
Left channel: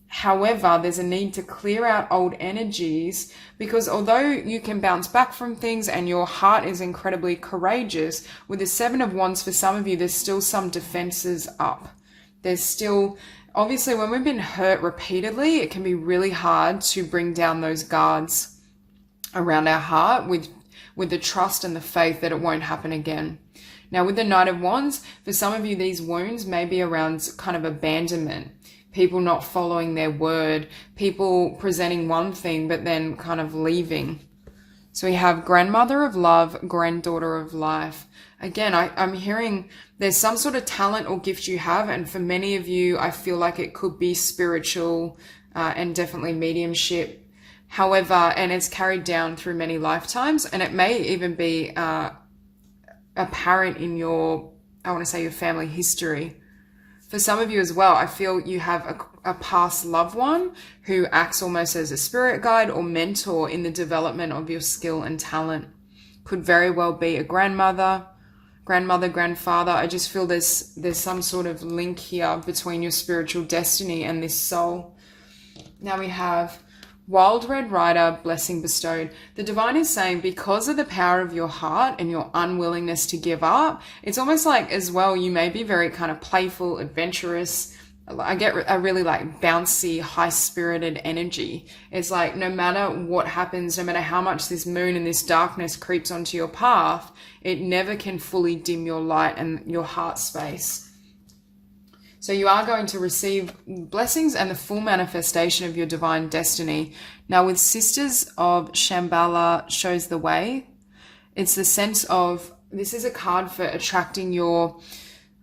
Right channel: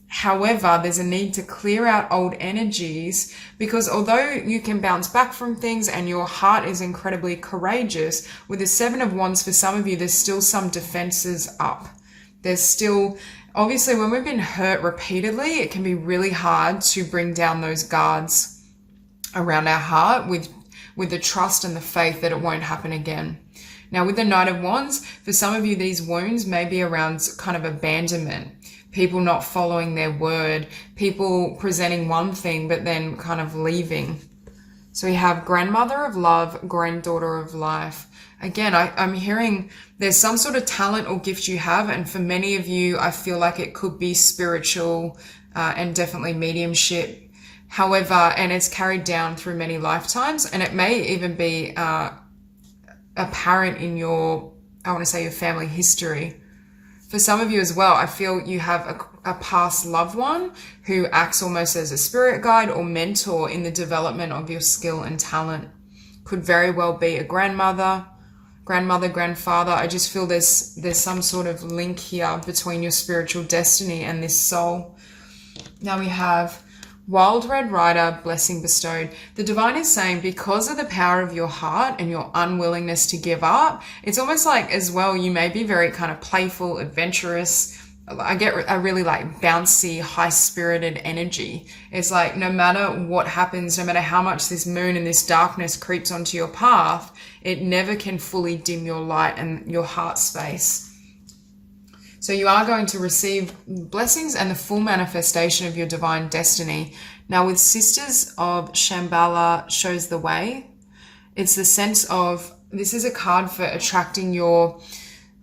However, there's a need to clear out old energies, because although you can bounce back from things and your heart is incredibly courageous, with the Seven of Wands for some of you, there's still some defenses up. There's still, obviously, when we've been hurt repeatedly, it can be really hard to bring down those guards around our heart with the trust and the faith that it won't happen again. Now, with the Knight of Wands, for some of you, these wounds may be around kind of abandonment, people not following their word, people presenting one thing but then kind of leaving. So we have Grandmother of Love, Granddaughter of Life. Again, I'm hearing there's some sort of talent or gift you have, and for many of you, I feel like it could be spiritual and definitely mediumship. However, and it's carried down through many lifetimes, and it may even be apparent in your, I want to say, your family history. For some of you as well, I feel you have a past loved one who acts almost as a spirit guide or mentor in the development of your skill and talent. Could very well be a grandmother, grandfather. I just feel there's some sort of link here between your spiritual destiny and this soul. Now we have Wild Red Rider, Blessing Bestowed. The divine is saying, because of the power of your heart and your unwillingness to give up, it's almost like as well, you may be very kind of playful, adventurous. I get a really like bouncy, high-spirited energy. It's like no matter what happens, no matter how much this moon and this darkness creeps onto your path, it never can fully dim your light and your heart space. So you are going to receive blessings and the full manifestation of your divine destiny. Now with Sisters of Shambhala shows the way. It's the sense of, this is a card for attracting your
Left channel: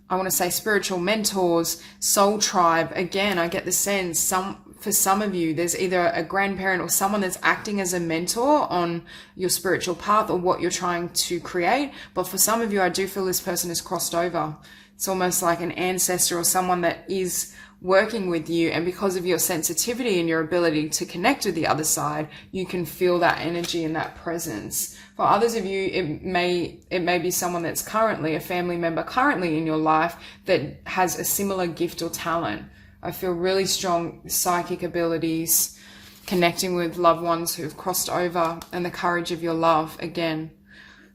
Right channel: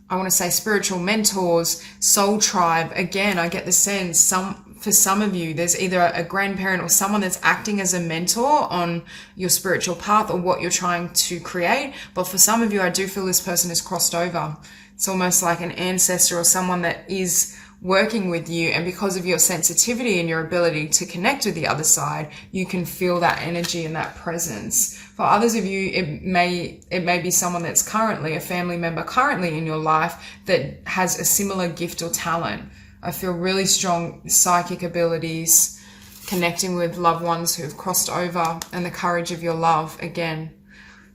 I want to say spiritual mentors, soul tribe. Again, I get the sense for some of you, there's either a grandparent or someone that's acting as a mentor on your spiritual path or what you're trying to create. But for some of you, I do feel this person has crossed over. It's almost like an ancestor or someone that is working with you, and because of your sensitivity and your ability to connect with the other side, you can feel that energy and that presence. For others of you, it may be someone that's currently a family member currently in your life that has a similar gift or talent. I feel really strong psychic abilities, connecting with loved ones who have crossed over, and the courage of your love. Again,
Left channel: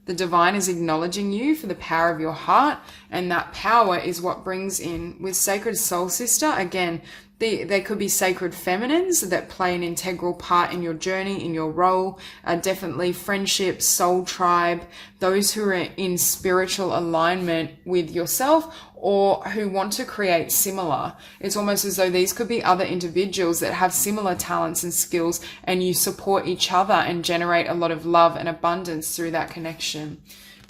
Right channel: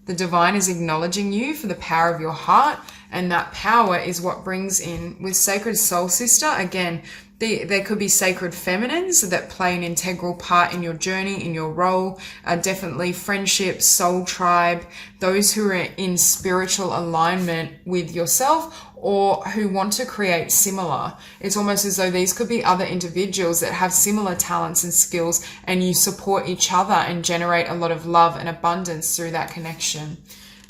the divine is acknowledging you for the power of your heart, and that power is what brings in with Sacred Soul Sister. Again, there could be sacred feminines that play an integral part in your journey, in your role. Definitely friendship, soul tribe, those who are in spiritual alignment with yourself or who want to create similar. It's almost as though these could be other individuals that have similar talents and skills, and you support each other and generate a lot of love and abundance through that connection.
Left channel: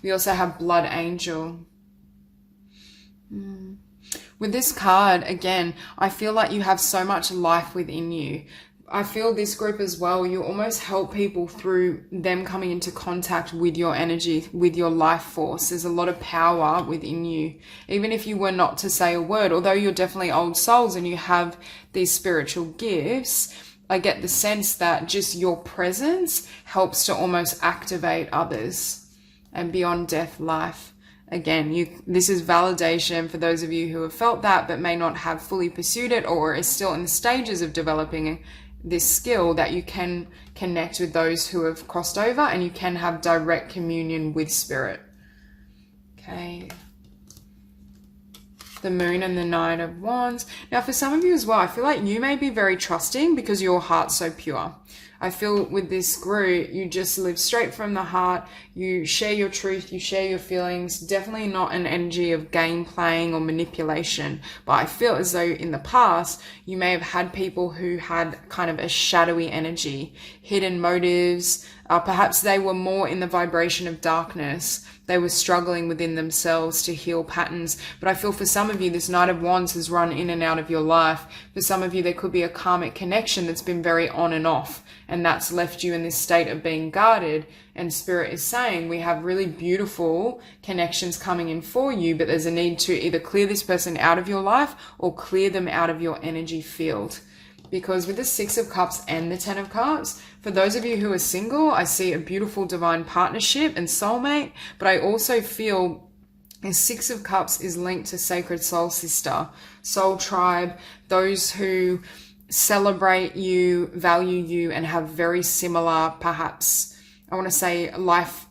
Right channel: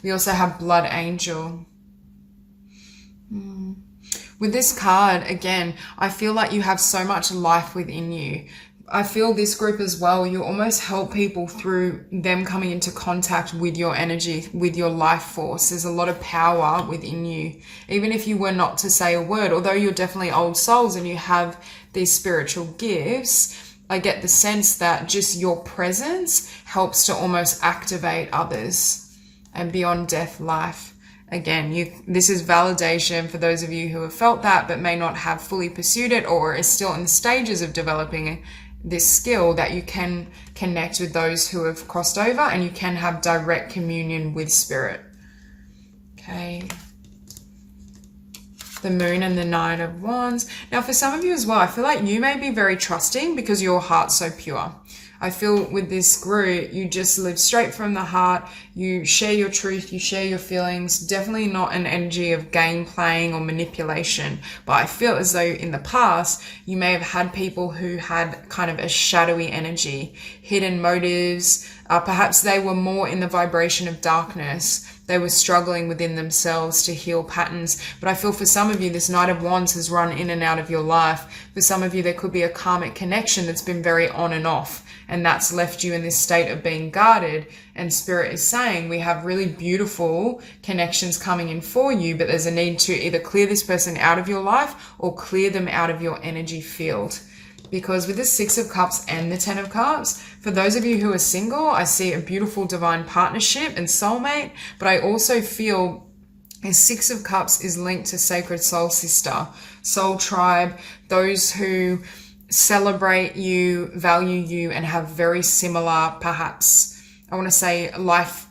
We also have Blood Angel. With this card, again, I feel like you have so much life within you. I feel this group as well, you almost help people through them coming into contact with your energy, with your life force. There's a lot of power within you. Even if you were not to say a word, although you're definitely old souls and you have these spiritual gifts, I get the sense that just your presence helps to almost activate others and beyond death life. Again, this is validation for those of you who have felt that but may not have fully pursued it or is still in the stages of developing this skill, that you can connect with those who have crossed over and you can have direct communion with spirit. Okay. The Moon and the Nine of Wands. Now, for some of you as well, I feel like you may be very trusting because your heart's so pure. I feel with this group, you just live straight from the heart. You share your truth, you share your feelings. Definitely not an energy of game playing or manipulation. But I feel as though in the past, you may have had people who had kind of a shadowy energy, hidden motives. Perhaps they were more in the vibration of darkness. They were struggling within themselves to heal patterns. But I feel for some of you, this Knight of Wands has run in and out of your life. For some of you, there could be a karmic connection that's been very on and off, and that's left you in this state of being guarded. And Spirit is saying we have really beautiful connections coming in for you, but there's a need to either clear this person out of your life or clear them out of your energy field. Because with the Six of Cups and the Ten of Cups, for those of you who are single, I see a beautiful divine partnership and soulmate, but I also feel the Six of Cups is linked to Sacred Soul Sister, Soul Tribe, those who celebrate you, value you, and have very similar, perhaps, I want to say a life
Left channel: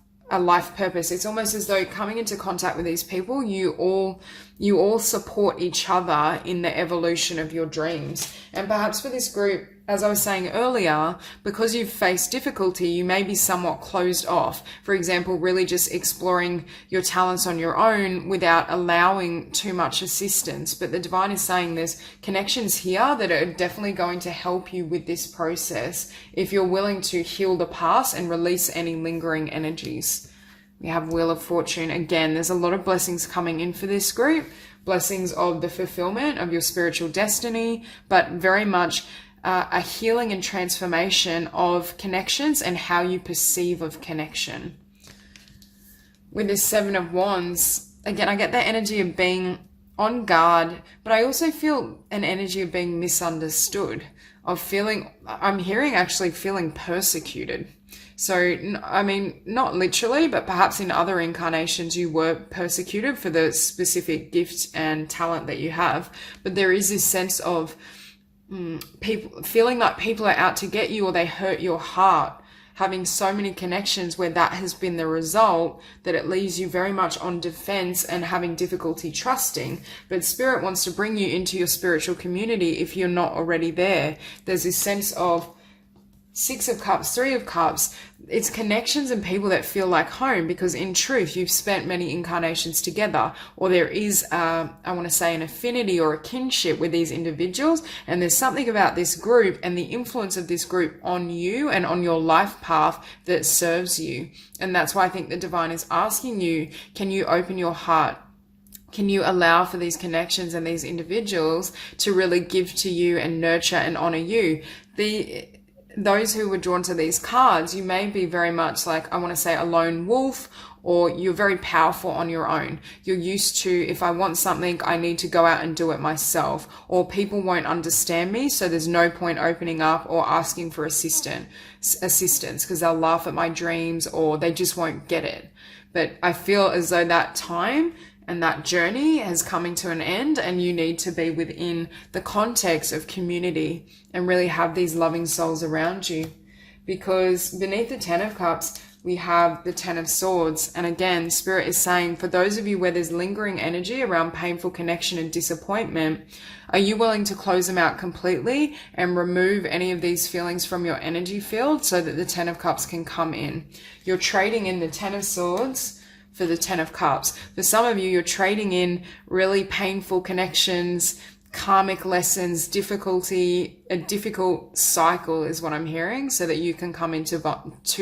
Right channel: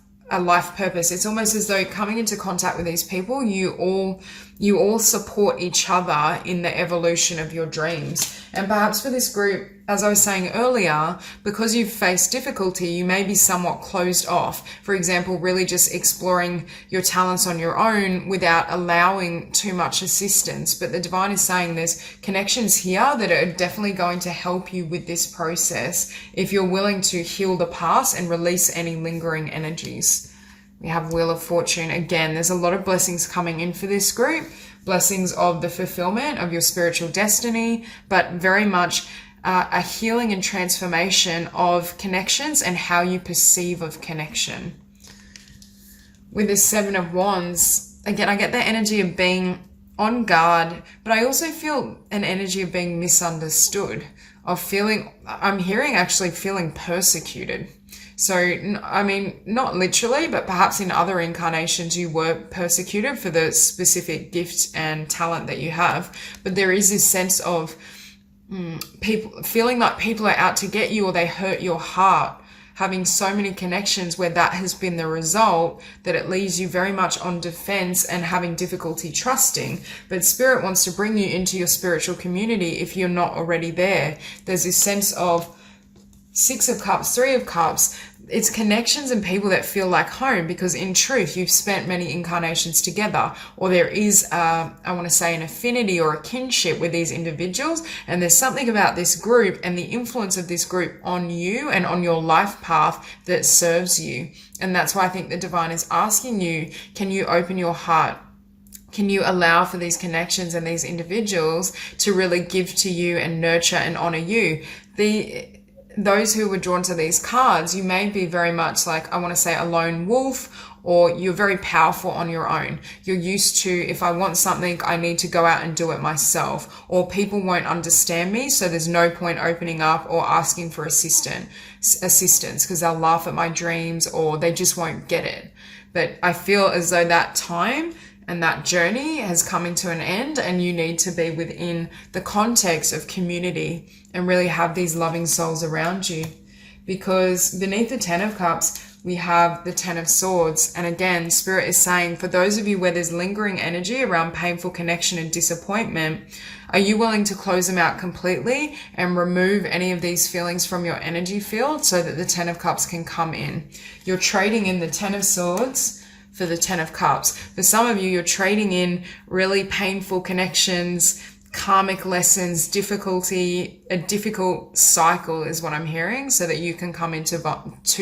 purpose. It's almost as though coming into contact with these people, you all support each other in the evolution of your dreams. And perhaps for this group, as I was saying earlier, because you've faced difficulty, you may be somewhat closed off. For example, really just exploring your talents on your own without allowing too much assistance. But the divine is saying there's connections here that are definitely going to help you with this process if you're willing to heal the past and release any lingering energies. We have Wheel of Fortune. Again, there's a lot of blessings coming in for this group. Blessings of the fulfillment of your spiritual destiny, but very much a healing and transformation of connections and how you perceive of connection. With the Seven of Wands, again, I get the energy of being on guard, but I also feel an energy of being misunderstood, of feeling, I'm hearing actually feeling persecuted. So, I mean, not literally, but perhaps in other incarnations you were persecuted for the specific gift and talent that you have. But there is this sense of people feeling like people are out to get you, or they hurt your heart, having so many connections where that has been the result, that it leaves you very much on defense and having difficulty trusting. But Spirit wants to bring you into your spiritual community if you're not already there. There's this sense of Six of Cups, Three of Cups. It's connections and people that feel like home, because in truth, you've spent many incarnations together, or there is, I want to say, an affinity or a kinship with these individuals. And there's something about this group and the influence of this group on you and on your life path that serves you. And that's why I think the divine is asking you, can you open your heart Can you allow for these connections and these individuals to really give to you and nurture and honor you? Those who were drawn to these cards, you may be very much like, I want to say, a lone wolf, or you're very powerful on your own. You're used to, if I want something, I need to go out and do it myself, or people won't understand me, so there's no point opening up or asking for assistance because they'll laugh at my dreams or they just won't get it. But I feel as though that time and that journey has come into an end, and you need to be within the context of community and really have these loving souls around you. Because beneath the Ten of Cups, we have the Ten of Swords. And again, Spirit is saying, for those of you where there's lingering energy around painful connection and disappointment, are you willing to close them out completely and remove any of these feelings from your energy field so that the Ten of Cups can come in? You're trading in the Ten of Swords for the Ten of Cups. For some of you, you're trading in really painful connections, karmic lessons, difficulty, a difficult cycle is what I'm hearing, so that you can come into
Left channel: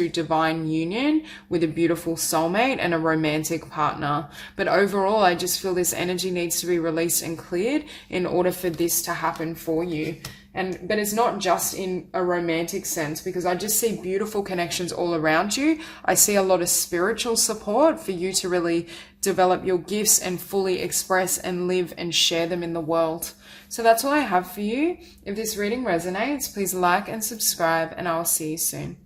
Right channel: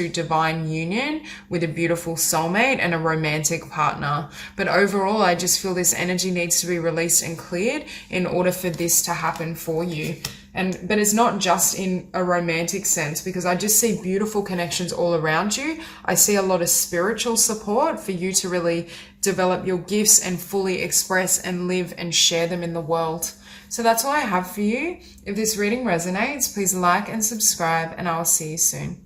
divine union with a beautiful soulmate and a romantic partner. But overall, I just feel this energy needs to be released and cleared in order for this to happen for you. But it's not just in a romantic sense, because I just see beautiful connections all around you. I see a lot of spiritual support for you to really develop your gifts and fully express and live and share them in the world. So that's what I have for you. If this reading resonates, please like and subscribe, and I will see you soon.